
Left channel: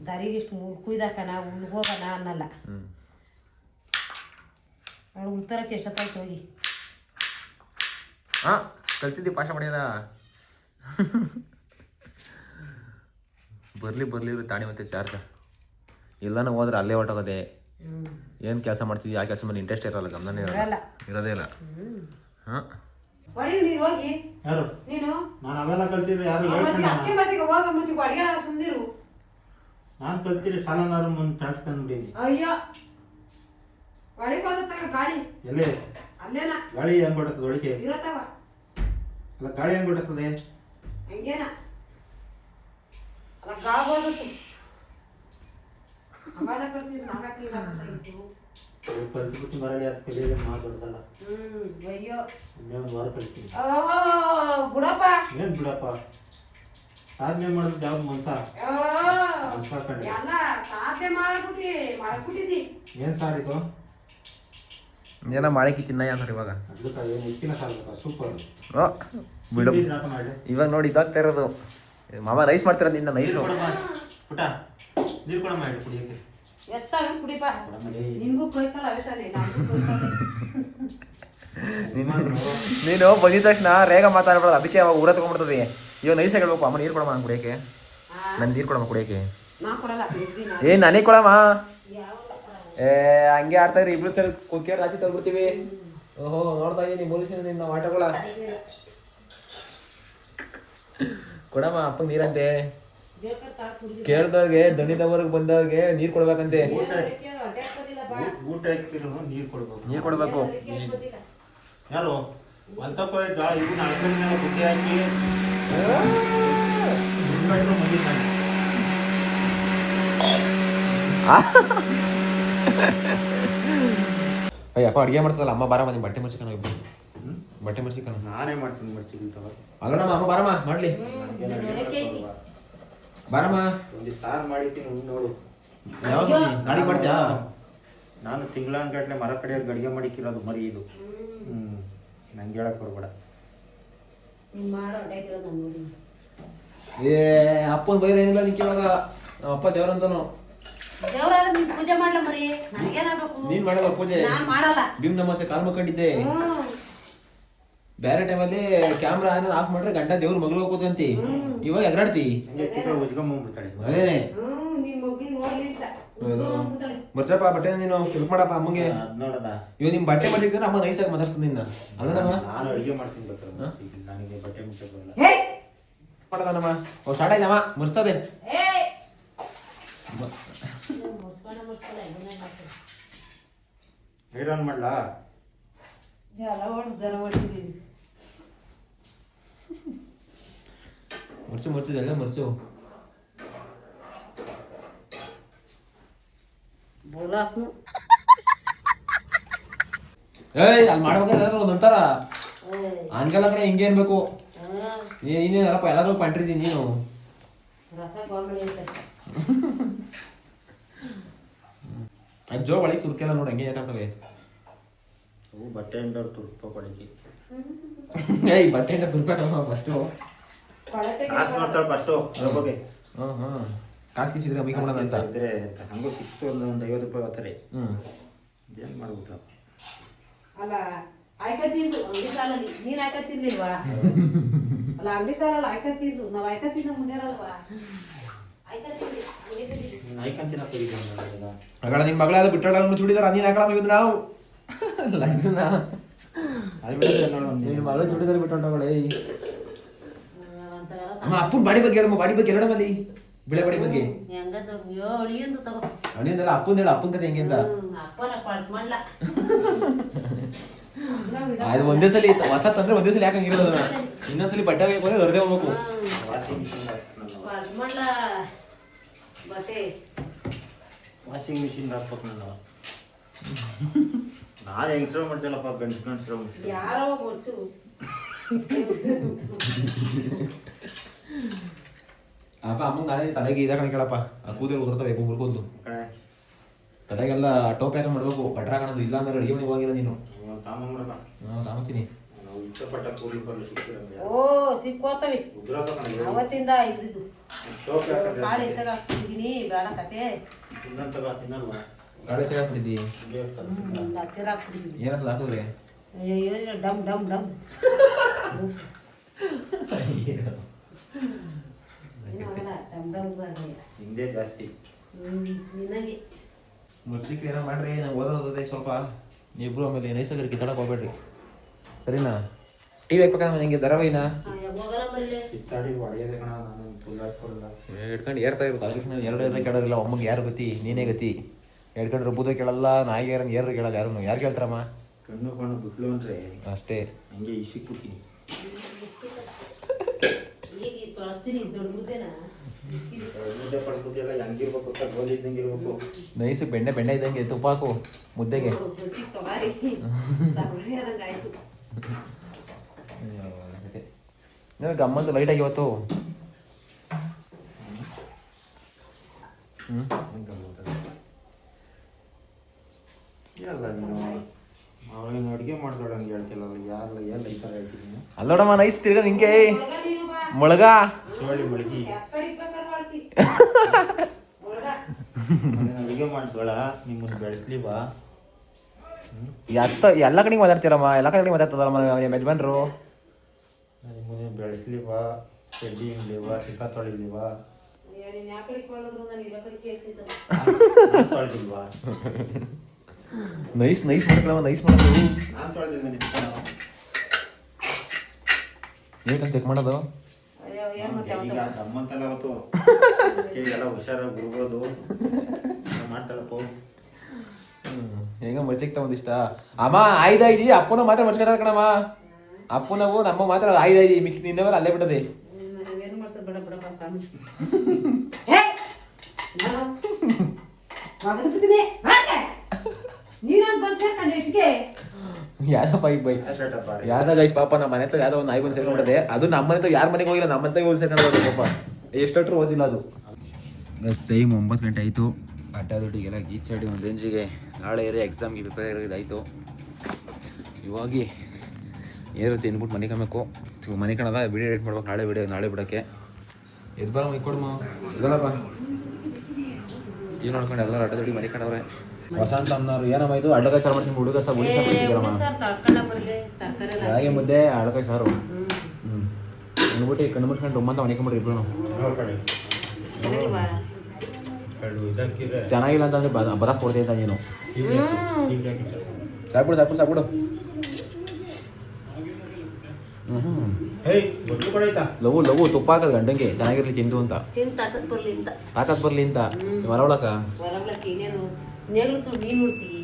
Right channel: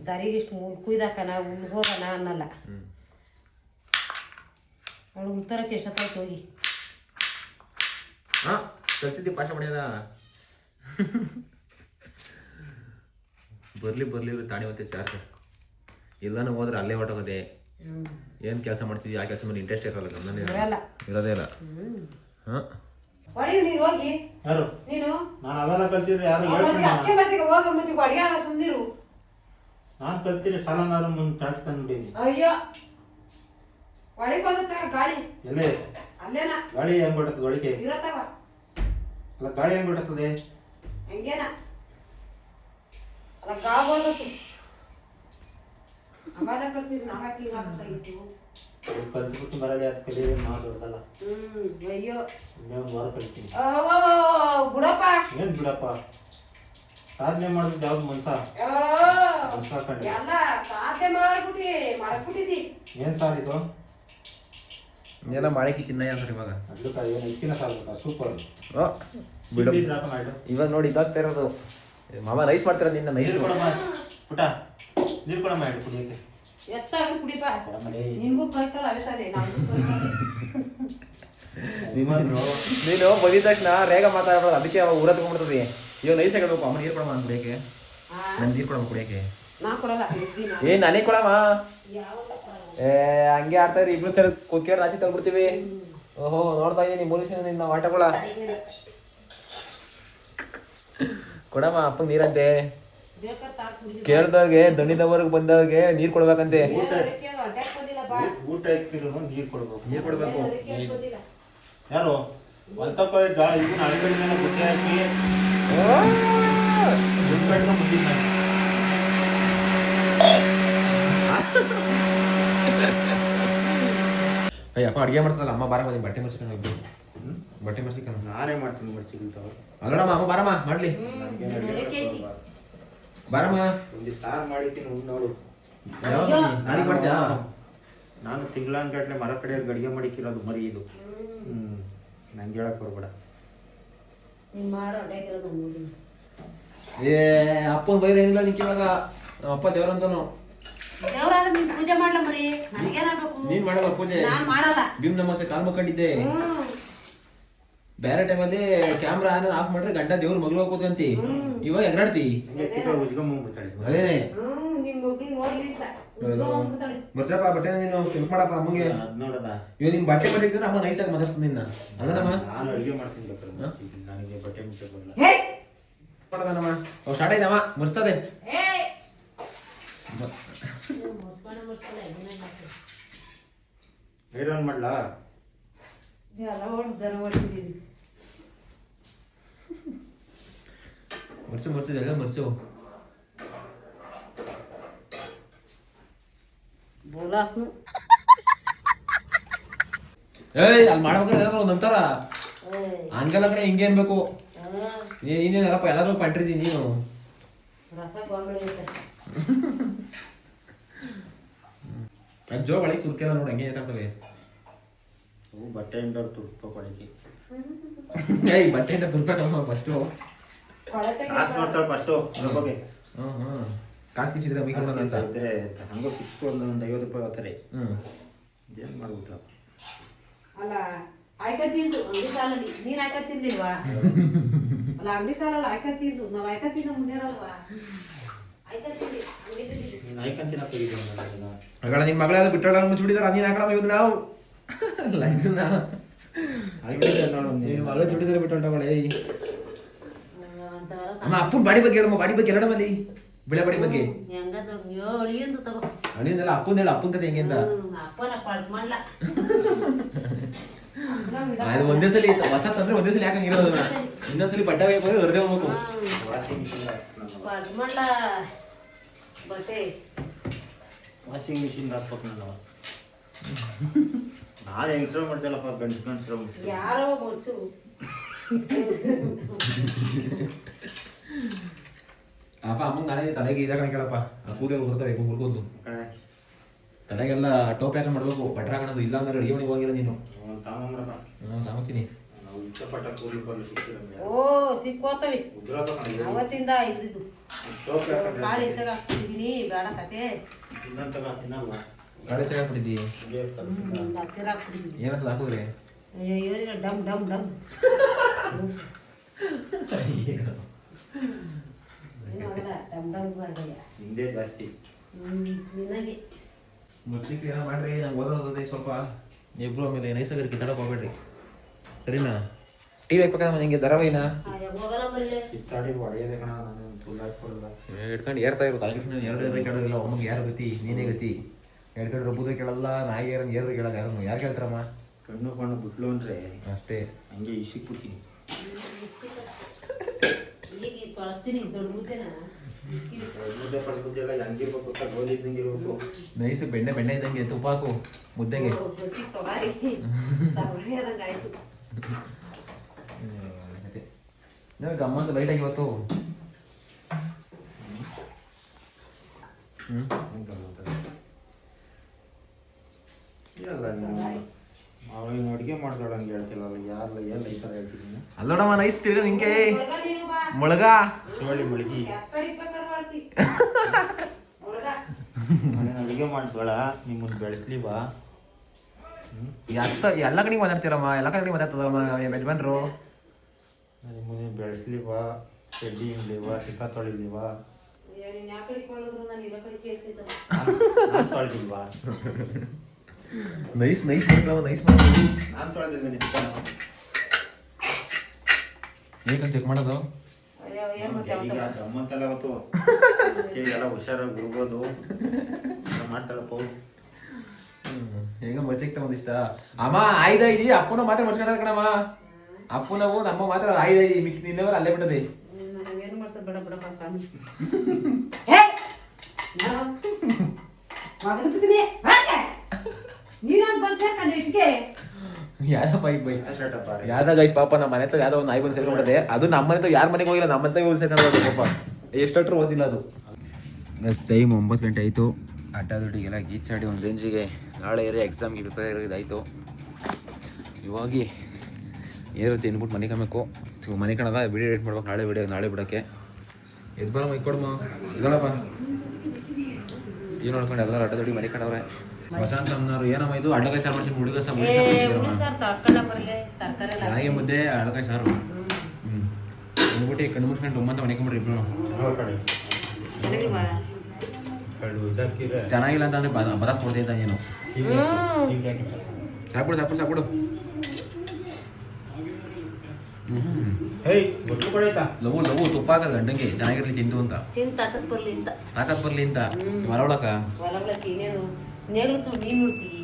ದಾರಿಗೆ ಇಷ್ಟು ಕುಯ್ದಾಕನ ಉಳ್ಳು ಹೋಗೋಣ ಅನ್ನಲ್ಲ. ಅವಳು ಉಳ್ತಾರಕ್ಕೆ ಎಷ್ಟೊತ್ತಾಯ್ತು ಹೋಗಿ. ಹಾಂ ಕಲ್ತಿದ್ದಿ ಪಾಠ ಮಾಡ್ಯದ. ಬರ್ಲಿ ತಾಣಿ ಮತ್ತೆ ಚಾರ್ಜ್ ಇಲ್ಲ ನಾವು ಹೋದ್ರೆ ಅಲ್ಲೇ ಹೊಟ್ಟೋಗೋದೆ. ಏನು ಕೆಲಸ ಮಾಡ್ತೀವಿ ಆ ಕೆಲಸ ಮೇಲೆ ಇಂಟ್ರೆಸ್ಟ್ ಇರಲ್ಲ, ಗಮನ ಇರೋದೇ ಇಲ್ಲ. ಹಾಂ ಹೋಗಿ ಯಾರು ನೀನು ನಾನು ಅವೆಲ್ಲ ಕಲ್ತಿದ್ರೆ ಯಾರು ಅಡಿಗೆ ಸುಂದಿರು ನಾನು ಕಲ್ತಿರಿ ಸಾಲನಾರು ಮುಂದೆ ತಾಡ್ಕೊಂಡು ನೋಡಿನಿ. ಅಯ್ಯೋ ಒಳಗೆ ಬಂದ ಗಾಳಿ ಎಲ್ಲೇ ಅಲ್ಲೇನ ಗಾಳಿ ಹೆಂಗ್ ಬಿಡ್ತದೆ ಒಳಗೆ ಇರತ್ತವ. ಅಲ್ಲ ಗಾಳಿ ಹೆಂಗ್ ಬಿಡ್ತದೆ ಹಂಗೇನ ಅಲ್ಲ ಗಾಳ ಬಂದತ್ತು ಅವಾಗ ಕಲ್ತಿದ್ರು ನಾವ್ಯಾಕೆ ಇದಾಗ್ತಾಯಿತ್ತು. ಕಲ್ತ್ಬಿಟ್ಟು ಬರಲಿ ಅದು ಕಲಿಯೋದು ಮಾತಾಡ್ದಲ್ಲ. ಅಯ್ಯೋ ಇನ್ನೇನು ವಾರ ಕಲ್ತೀನಿ. ಬಿಡಪ್ಪ ಏನು ಬಿಡಪ್ಪ ಸಾಧನೆ ಮಾಡೋದು ಯಾವ್ದು ಮನ್ಸ ಕಂಡು ಎಲ್ಲ ಸಾಧನೆ ಮಾಡ್ಬಿಟ್ಟಿದ್ದಿ. ಏನು ಸಾರ್ ಇದು ಏನೋ ಮಾಡಕ್ಕೆ ತಿನ್ನ ಯಾಕಂದ್ರೆ ಇವಾಗ ಅದಕ್ಕೆ ಏನು ಹೆಚ್ಚಿನ ಸಾರ್ ಸೂಪರ್ ಬಿಡು. ಮಾಡು ಇವಾಗ ನೋಡಿ ಇದಾಗ್ತಾ ಇರೋದು ಮಾಮ ನೈಸ್ ಮಾಡ್ತಿರೋದು ನಿನ್ನ ನೈಸ್. ನೀರು ಕೊಡಮ್ಮ ಪುಟ ನೀರು ಕೊಡಮ್ಮ ಹೇಳಿ ಕುಡಿಯೋಕ್ಕೆ. ಎತ್ತಾಗಿ ಕುಡಿಪ ಕೊಡಮ್ಮಲೇ ನಿನ್ಗೂ ಕೈತಲ್ಲ ಅವೇ ತಾನೆ ನಾವು ನಿಮ್ಮಂದ್ರು ನೀನು ಬಂದಿದ ತಕ್ಷಣ ರೇಗ ಮಾತಾಡ್ಬಾರ್ದು, ಅದಕ್ಕೆ ಅವಾಗ ಊರ ತಗೊಂಡ್ಬಿಡ್ತದೆ. ಇವಾಗ ನೈಸ್ ಹೇಳ್ಬೇಕು ಅಮ್ಮ ನೀರು ಕೊಡಮ್ಮ ಕುಡಿಯೋಕೆ. ನಾನು ನೀರು ಕೊಡಮ್ಮ ಕುಡಿಯೋಕೆ. ನಾ ಕೊಡಲ್ಲ ಏನ್ ನನಗೆ ಕೊಡಮ್ಮ. ಹಂಗೆ ಆಡ್ತಾ ಇದ್ರಿ ಇಬ್ರು ತರ ಕೊಕ್ಕೇರ್ ರಾಶಿ ತಗ್ಬಿಡ್ತೀವಿ. ಓಹೋ ನೋಡ್ತಾ ಇದೀನಿ ಮುರುಸಿನ ನಿನ್ನ ಆಟಗಳ. ಕೊಡಮ್ಮ ಅಪ್ಪಂಗೆ ನೀರಂತೆ. ಕೇಳ್ದವ್ರಿಗೆ ದಣಿದವ್ರಿಗೆ ಬಂದವ್ರಿಗೆ ನೀರು ಕೊಡ್ಬೇಕಂತೆ. ಊಟ ಹಾಕಿದ್ರು ನೀರು ಕೊಡ್ಬೇಕು. ನೀರು ಕೊಡ್ಬೇಕು. ಯಾರು ಒಂತಪ್ಪ ಇವನು ಅಳಕಡಿ ಮೇಲೆ ಬುದ್ಧಿ ಹಾಕಿ ಅಯ್ಯಪ್ಪ ಅಡುಗೆ ಮಾಡ್ತದಲ್ಲ ಅಮ್ಮ ಬಾರ ಮತ್ತೆ ಬಟ್ಟೆ ಮರ್ಸಿಕಣ ಇಬ್ರು. ಬಟ್ಟೆ ಮರ್ಸಿಕಣ ನಾನೇ ಮಾಡ್ತೀನಿ ಮರ್ಚಿಗಿಂತವ ಅಲ್ಲಡಮ್ಮ ಅಮ್ಮ ಬಾರಮ್ಮ ಮಾಡ್ಲಿ ಬಾರಮ್ಮ. ಒಂದು ಸಾರು ಮಾಡಿದ್ದೀನಿ ನೋಡು. ನಾಳೆ ಮಾಡ್ತೀಯಾ? ನಾನು ತಿಂಗಳಾನ್ಗಟ್ಲೆ ಮರ ಕಡೆಯಲ್ಲಿ ಗಡಿಗೆ ಮಾಡಿಕ್ಕಿರೋದು ಮರಿ ಇದು. ನಂಗೆ ಹೇಳಕ್ ಬರ್ಬೇಡ. ಏ ಅಪ್ಪನ ಬೈರ ಏನಿಲ್ಲ ನಿಕ್ಕೆ ಇವಾಗ. ಅಪ್ಪ ದೇವ್ರಂತಾನು ದೇವ್ರಾದ್ರೆ ನೀನ್ ಪೂಜೆ ಮಾಡ್ಲ ಮರಿ ನನಗೇನಾಗ್ಬೇಕು. ನೀನ್ ಮಾಡಲ್ಲ ಪೂಜೆ. ನಾನ್ ಮಾಡಲ್ಲ. ಭೀಮ್ ನಮಸ್ತೆ ಕಾಲ್ ಮುಕ್ಕೊಂಡಿದ್ದೆ. ಬೇರೆ ಟೈಮಲ್ಲಿ ಕ್ಯಾಮ್ರಾ ಆಫ್ ಮಾಡ್ರೆ ಗಂಟ ದೇವ್ರ ಮಗಳು ಕೂತಂತಿ. ಇವಾಗ ಎಗರಾಡ್ತಿ. ಅದೇನೆ ನಿನ್ ಮಗ್ಳು ನೋಡ್ಲಿ ಬರ್ಸಪ್ಪ ಬಟ್ಟೆ ನೀನು ಹೆಲ್ಪ್ ಮಾಡಪ್ಪ ಅಮ್ಮಂಗೆ. ನೋಡದ ಇವಾಗ ನಿಮ್ ಬಟ್ಟೆ ಮಾಡಿದ್ರೆ ಅಮ್ಮ ನೈಸ್ ಆಗಿ ಮಾತಾಡ್ತೀನಿ ನಿನ್ನ. ಅಲ್ಲಮ್ಮ ನಾನು ಅಡುಗೆ ಮಾಡ್ತೀನಿ ಬೇಕಾದ್ರೆ ನನಗೆ ಬಟ್ಟೆ ಮುಚ್ಚಕ್ ಬರಲ್ಲ. ಮಾಡದಮ್ಮ ಓ ಸ್ಟಾರ್ಟ್ ಆಯ್ತಮ್ಮ ಮುರ್ಸ್ತದೆ. ಐರನ್ ಮಾಡ್ಲಾ? ಮುರ್ಚು ಎಲ್ಲ ಮುರ್ಚು. ಏಯ್ ಅಲ್ಲಿ ಮಾಡ್ಬೇಕಾದ್ರೆ ಒಂದಂತಾರ ಹಂಗೆಲ್ಲ ಕಡೆ ಹಿಂಗೆ ಅನ್ಬೇಕು. ನೀನೇನಲ್ಲಪ್ಪ ಎಲ್ಲಾದ್ರೂ ಪಂಟ್ರಿದ್ದೀನಿ ನೀನು. ಜೋ ಬಳಿ ತುರ್ಕೆಲ್ಲ ನೋಡಿ ಹಂಗೆ ಯಾಕಂತವೆ. ಬಟ್ಟೆ ಇಂದವ್ರು ತುರ್ಪ ಕೊಡಕ್ಕೆ ಏಯ್ ಬಟ್ಟೆಯಿಂದ ತುರ್ಕಮ್ಮ ಫಸ್ಟು. ಕಾಸು ನೋಡ್ತಾಳೆ ಫಸ್ಟು ಬಗ್ಗೆ. ಕಾಸು ಕಿಸಿದ್ರೆ ಮೈ ಕೊಡೋಣ ಅಂತ ಇದ್ರೆ ಹಂಗೂ ಸಿಕ್ತು ಒಂದು 50 ರೂಪಾಯಿ ಹೋಗ್ತಾರೆ. ಏನ್ ಮಾಡ್ಬಿಟ್ರ ಅಲ್ಲ ಆಯ್ಕತ್ತಿದ್ದು ಅಂಗಡಿ ಸಾಲಲ್ಲಿ ನೀನ್ ಆಯ್ಕತ್ತಿರ್ಲಿಲ್ವಾ? ಅಲ್ಲ ಅಂಗಡಿ ಸಾಲಲ್ಲಿ ಆಯ್ಕತ್ತಿದ್ದು ನಾವ್ ಆಯ್ಕತ್ತಿದ್ದು ಮುಂದೇರಲ್ವಾ? ನೀನ್ ಆಯ್ಕಂತಿನ ಮಗಳ ನಿಮ್ ಮಗಳಾದ ಬಿಟ್ಟಾಳ ಚುಡಿದಾರ ನೀನ್ ಹಾಕಳ ಇವತ್ತು ನಾವು ನಿನ್ ಮಗಳು ಚುಡಿದಾರ ಬಿಟ್ಟೊಂಡವಳೆ. ಅಮ್ಮ ಅಪ್ಪನ ಬಾಡಿ ಬಗ್ಗೆ ಹೇಳಮ್ಮ. ಬಾಡಿ ಬಗ್ಗೆ ಹೇಳಮ್ಮಲ್ಲಿ ಬಿಳೆ ಬಾಡಿ ಬಗ್ಗೆ ಅಳಿಯಂದಲ್ಲ ಅಪ್ಪನ ಹೇಳ. ಅಪ್ಪನ ಕತೆ ಹೆಂಗೆ ಅಂತ ಅದು ಒಂದೇ ಸಲ ಹೊಸ ತಂದ್ರೆ ಒಂದೇ ಸಲ ಯಾಕಂಗಿರೋದು ಅದನ್ನ ಇನ್ನೊಂದ್ಸಲಿ ಬಟ್ಟೆ ಹೋಗಿ ಹೊರದೇ ಹೋಗ್ಬೇಕು. ವಾಷಿಂಗ್ ಮಿಷಿನ್ ಯಜಮಾನ್ಲ ಬಟ್ಟೆ ವಾಷಿಂಗ್ ಮಿಷಿನ್ ಹಾಕ್ಬೇಕು ನಾನು ಹೆಂಗಸ್ರು ಮಾಡ್ತೇನಪ್ಪ ಗಂಡಸ್ರು ಯಾರೋ ಗೊತ್ತು. ಅಪ್ಪ ಅಮ್ಮಂಗೆ ನಾನೇ ತಲೆಗೆ ಇದಾಕಣ ಕೇಳಪ್ಪ ಕೂದಲು ಉದುರ್ತವೆ ಮುರ್ಕೊಂಡು ತಲೆಗೆಲ್ಲ ಟೋಪಿ ಹಾಕೊಂಡು ಮಾಡ್ಬೇಕು ಬಟ್ರ ಹಾಕೋದು ಇಲ್ಲ ಅಂದ್ರೆ ಅಡಿಗೆ ಮನೆಗೆ ಹೋಗಿಲ್ಲ ನೀನು. ತಾಮತೀನಿ ನಾವು ಇಷ್ಟಪಟ್ಟ ಕೂಲಿ ಬರಲು ಸಿಕ್ಕಿರಂಗೆ ಓ ಸಿಕ್ಕೋತವಿ ಅವತ್ತಿಂದ ಇದ್ದಿದ್ದು ಕಾಳು ಹೆಚ್ಚಾಗ ಹಾಕ್ತಿದ್ದೀನಿ ಬೇಡ ಕತೆ ತಿನ್ನಲ್ವಾ ಗಾಡಿ ಚೆನ್ನಾಗಿ ಹಚ್ಚಿರ ಹಾಕ್ತಿದ್ದೀನಿ. ಏನಂತ ಹಾಕಿದ್ರೆ ಅಯ್ಯೋ ಡಮ್ ಡಮ್ ಡಮ್ ಏನೂ ಆಗಲ್ಲ ಡಮ್ ಡಮ್ ಆಗಲ್ಲ. ಹಿಂದೆ ಜಾಸ್ತಿ ನಿನಗೆ ಮುಚ್ಚಿಕ್ಕೆ ಏನೋ ಮಾಡ್ರಿ ನಂಗೆ ಓದೋದೇ ಸ್ವಲ್ಪ ಇಬ್ರು ಆಮೇಲೆ ನೈಸರ್ಗಿಕ ಕಿತ್ತಾಡಕ್ಕೆ ಹೋಗ್ಬೇಡ್ರಿ ಸರಿನಾ. ಟಿ ವಿ ಹಾಕ್ಬೇಕಂದ್ರೆ ನಿಂಗೆ ಧಾರಾವಾಹಿನ ಹೋಗಲ್ಲ ಬರಲಿ ಕಿತ್ತಾಡಿ ಹೊಡೆಯದೆ ಕಣ ನಾನು ಫುಲ್ ಹಾಕೊಡಲ್ಲ ಹಿಡ್ಕೊಂಡು ಏರ್ತಾ ಇರು ತಲೆಗಿಟ್ಟು ಎರಡು ಕೇಳೋದಿಲ್ಲ ಒಮ್ಮಗೆ ಯಾರು ಗತಿ ನೀನೇ ಗತಿ ಹೇಳ್ಕೊಂಡು ರುಬ್ಬುದ ಕೇಳಲ್ಲ ನಾಯಿ ಯಾರನ್ನ ಏರ್ದು ಕೇಳಲ್ಲ ಯಾರು ಕೇಳ್ತಾರಮ್ಮ. ಕಣ್ಣು ಬಿಟ್ಲು ಅಂದ್ರೆ ಅಷ್ಟೇ ಹಂಗೆ ಇಸಿಕ್ಬಿಡ್ತೀನಿ. ಈಗ ತೊಳಸ್ತೀನಿ ದೊಡ್ಡ ಮುದ್ದೆನ ಮುದ್ದೆ ಪಡ್ಬಿದ್ದೆಲ್ಲ ಹೆಂಗಿರ್ಬೇಕು ಅಂತ ಗೋಲಿದ್ದಂಗೆ ಇರ್ಬೇಕು. ನೈಸ್ ಬೆಣ್ಣೆ ಇದ್ದಂಗೆ ತುಪ್ಪ ಹಾಕು ಮುದ್ದೆಗೆ. ತೊಗಾರಿ ತರಕಾರಿ ಆದಂಗೆ ಆಯ್ತು. ಗಮ್ಮಂತ ಲೈಟಾಗಿ ಇವತ್ತು ಇಲ್ಲ ನೀನು ಅವಳಿನ ಅಡುಗೆ ಮಾಡ್ದೋಳ ಹಂಗೆ ಹೇಳ್ತಿಲ್ಲ ಯಾರಲ್ಲ ಎಲ್ಲ ಈ ಥರ ಹೇಳ್ತಿದ್ದೀನಿ. ಅಲ್ಲೋಡಮ್ಮ ನೈಸ್ ತಿರ್ಗ ನಿಂಗೆ ಮೊಳಗ ಶಿವಳ್ಳಿ ಮಳಗಿ ಅಡುಗೆ ಮಾಡ್ದೋಳ ನಿಮ್ಮನ್ನು ಬೆಳೆಸ್ಲಿವಾ ಎಲ್ಲ ಕಡೆಗೆ ಮಾತಾಡ್ತೀರಮ್ಮ ಎಲ್ಲ ಕಡೆಗೆ ಮಾತಾಡ್ತದಮ್ಮ ಯಜಮಾನ್ರು. ನಿಮ್ಮನ್ನು ಬೆಳೆಸ್ಲಿವಾ ಚಡ್ಡಿ ಹಿಂಡ್ಲಿವಾ ಸಿಕ್ಕ ತೊಳಿಲಿವಾ ನಾನು ತೊಳೆದಿಲ್ವಾ ನೈಸ್ ನೈಸ್ ಮಾಡಿ ನಾನು ತೊಳೆದಿದ್ದೀನಿ ಏಕಂತ ಚೆಕ್ ಮಾಡೋದು ಈಗ ಗಮ್ಮಂತಲ್ಲ ಅವತ್ತು ಈಗೆಲ್ಲ ಹುಷಾರಾಗಿ ಬಿಡ್ಬೋದು ಮಾಡ್ತಾಳಪ್ಪ. ಹೆಂಗ ಮಚ್ಚಿಗೆ ತಗೊಂಡಿಷ್ಟ ಅಮ್ಮ ಆಯ್ದಾಯ್ದಿ ಅಪ್ಪನ ಮಾತ್ರ ಮಚ್ಕೊಂಡ ಕಣಮ್ಮ ಅಪ್ಪನವು ನಮ್ಮ ಮಾತ್ರ ಆಯ್ದಾಯ್ದಿ ಮಿಕ್ಕಿ ನಿಂದವರ ಅಲ್ಲೇ ಬಿಡದೆ ಏನು ಮಾಡ್ತಾರೆ ಬೇಡ ಬಿಡಪ್ಪ ಸ್ವಾಮಿ. ನೀನೊಂದು ಬಂದು ಸೇರ್ಕೊಂಡು ಇಟ್ಗೆ ಯಾವ್ದೋ ಯಾವ್ದ ಗೈಸ್ ಪಾಪ ನಮ್ಮ ಮನೆ ಹತ್ರ ಯಾವ್ದೋ ಒಂದು ನಾಯಿ ಬಂದು ಸೇರ್ಕೊಂಡ್ಬಿಟ್ಟದೆ. ಅದು ನಮ್ಮ ಮನೆ ಯಾರ ಮನೆಗೆ ಹೋಗಿಲ್ಲ ನಮ್ಮ ಮನೆ ಹೋಗಿ ಸೇರ್ಕೊಂಡು ಪಾಪ ಎಷ್ಟೊಟ್ಟರು ಓದಿಲ್ಲ ಅದು. ಟೈಮ್ 9 ಗಂಟೆ ಆಯಿತು. ಅಡ್ಡ ದುಡ್ಡಿಗೆಲ್ಲ ಗೀಚಾಡಿ ಒಂದು ರೇಂಜಿಗೆ ನಾಳೆ ಎಕ್ಸಾಮ್ಗೆ ಪ್ರಿಪೇರ್ ಇದಾಯಿತು. ಇವಾಗ ಏರು ತಿನ್ಬಿಟ್ಟು ಮನೆ ಕಾಣಬೇಕು ಮನೆ ಕಾಣದ ವಿಡಿಯೋ ಎಡಿಟ್ ಮಾಡ್ಬೇಕು ನಾಳೆ ಬಿಡೋಕ್ಕೆ ಎದ್ದು ಬರಮ್ಮ ಇಕ್ಕೊಡಮ್ಮ ಇದಲ್ಲಪ್ಪ ಏನು ನೋಡ್ಕೊಂಡು ಎಲ್ಲರೂ ಅಡ್ಡ ದುಡ್ಡಿ ಮನೆ ಕಾಣವ್ರೆ. ವಸಂತ ಅಮ್ಮನವ್ರು ಏನಮ್ಮ ಇದು ಅಡ್ಡಕಾಯಿ ಸಾರು ಮಾಡ್ತೀನಿ ಹುಡುಗ ಹಾಗೆ ಮುದ್ದೆ ಅಡ್ಡಕಾಯಿ ಸಾರು ಅಂದ್ಬಿಟ್ಟು ಕಣ್ಣು ಮುಟ್ಕೊಂಡು ಉಮ್ಮಂತ ಮನಿಕೊಂಬಿಡ್ರಿ ಇಬ್ರು. ಚೆನ್ನಾಗಿಲ್ಲ ಅಂತಂದ್ರೆ ಬರಕ್ ಕೊಡ್ತಾ ಇದ್ದ ಏನು ಸಾಕ್ಬಿಡು ಲಘು ತುಪ್ಪ ಹಾಕದ್ ಗಂಡಂಗೆ ಚೆನ್ನಾಗಿರ್ಲಿ ತಿಂದು ಅಂತ ತಾಕತ್ ಬರ್ಲಿ ಅಂತ ಹೊರ ಒಳಕ ನೀನ್ ನೋಡ್ತೀವಿ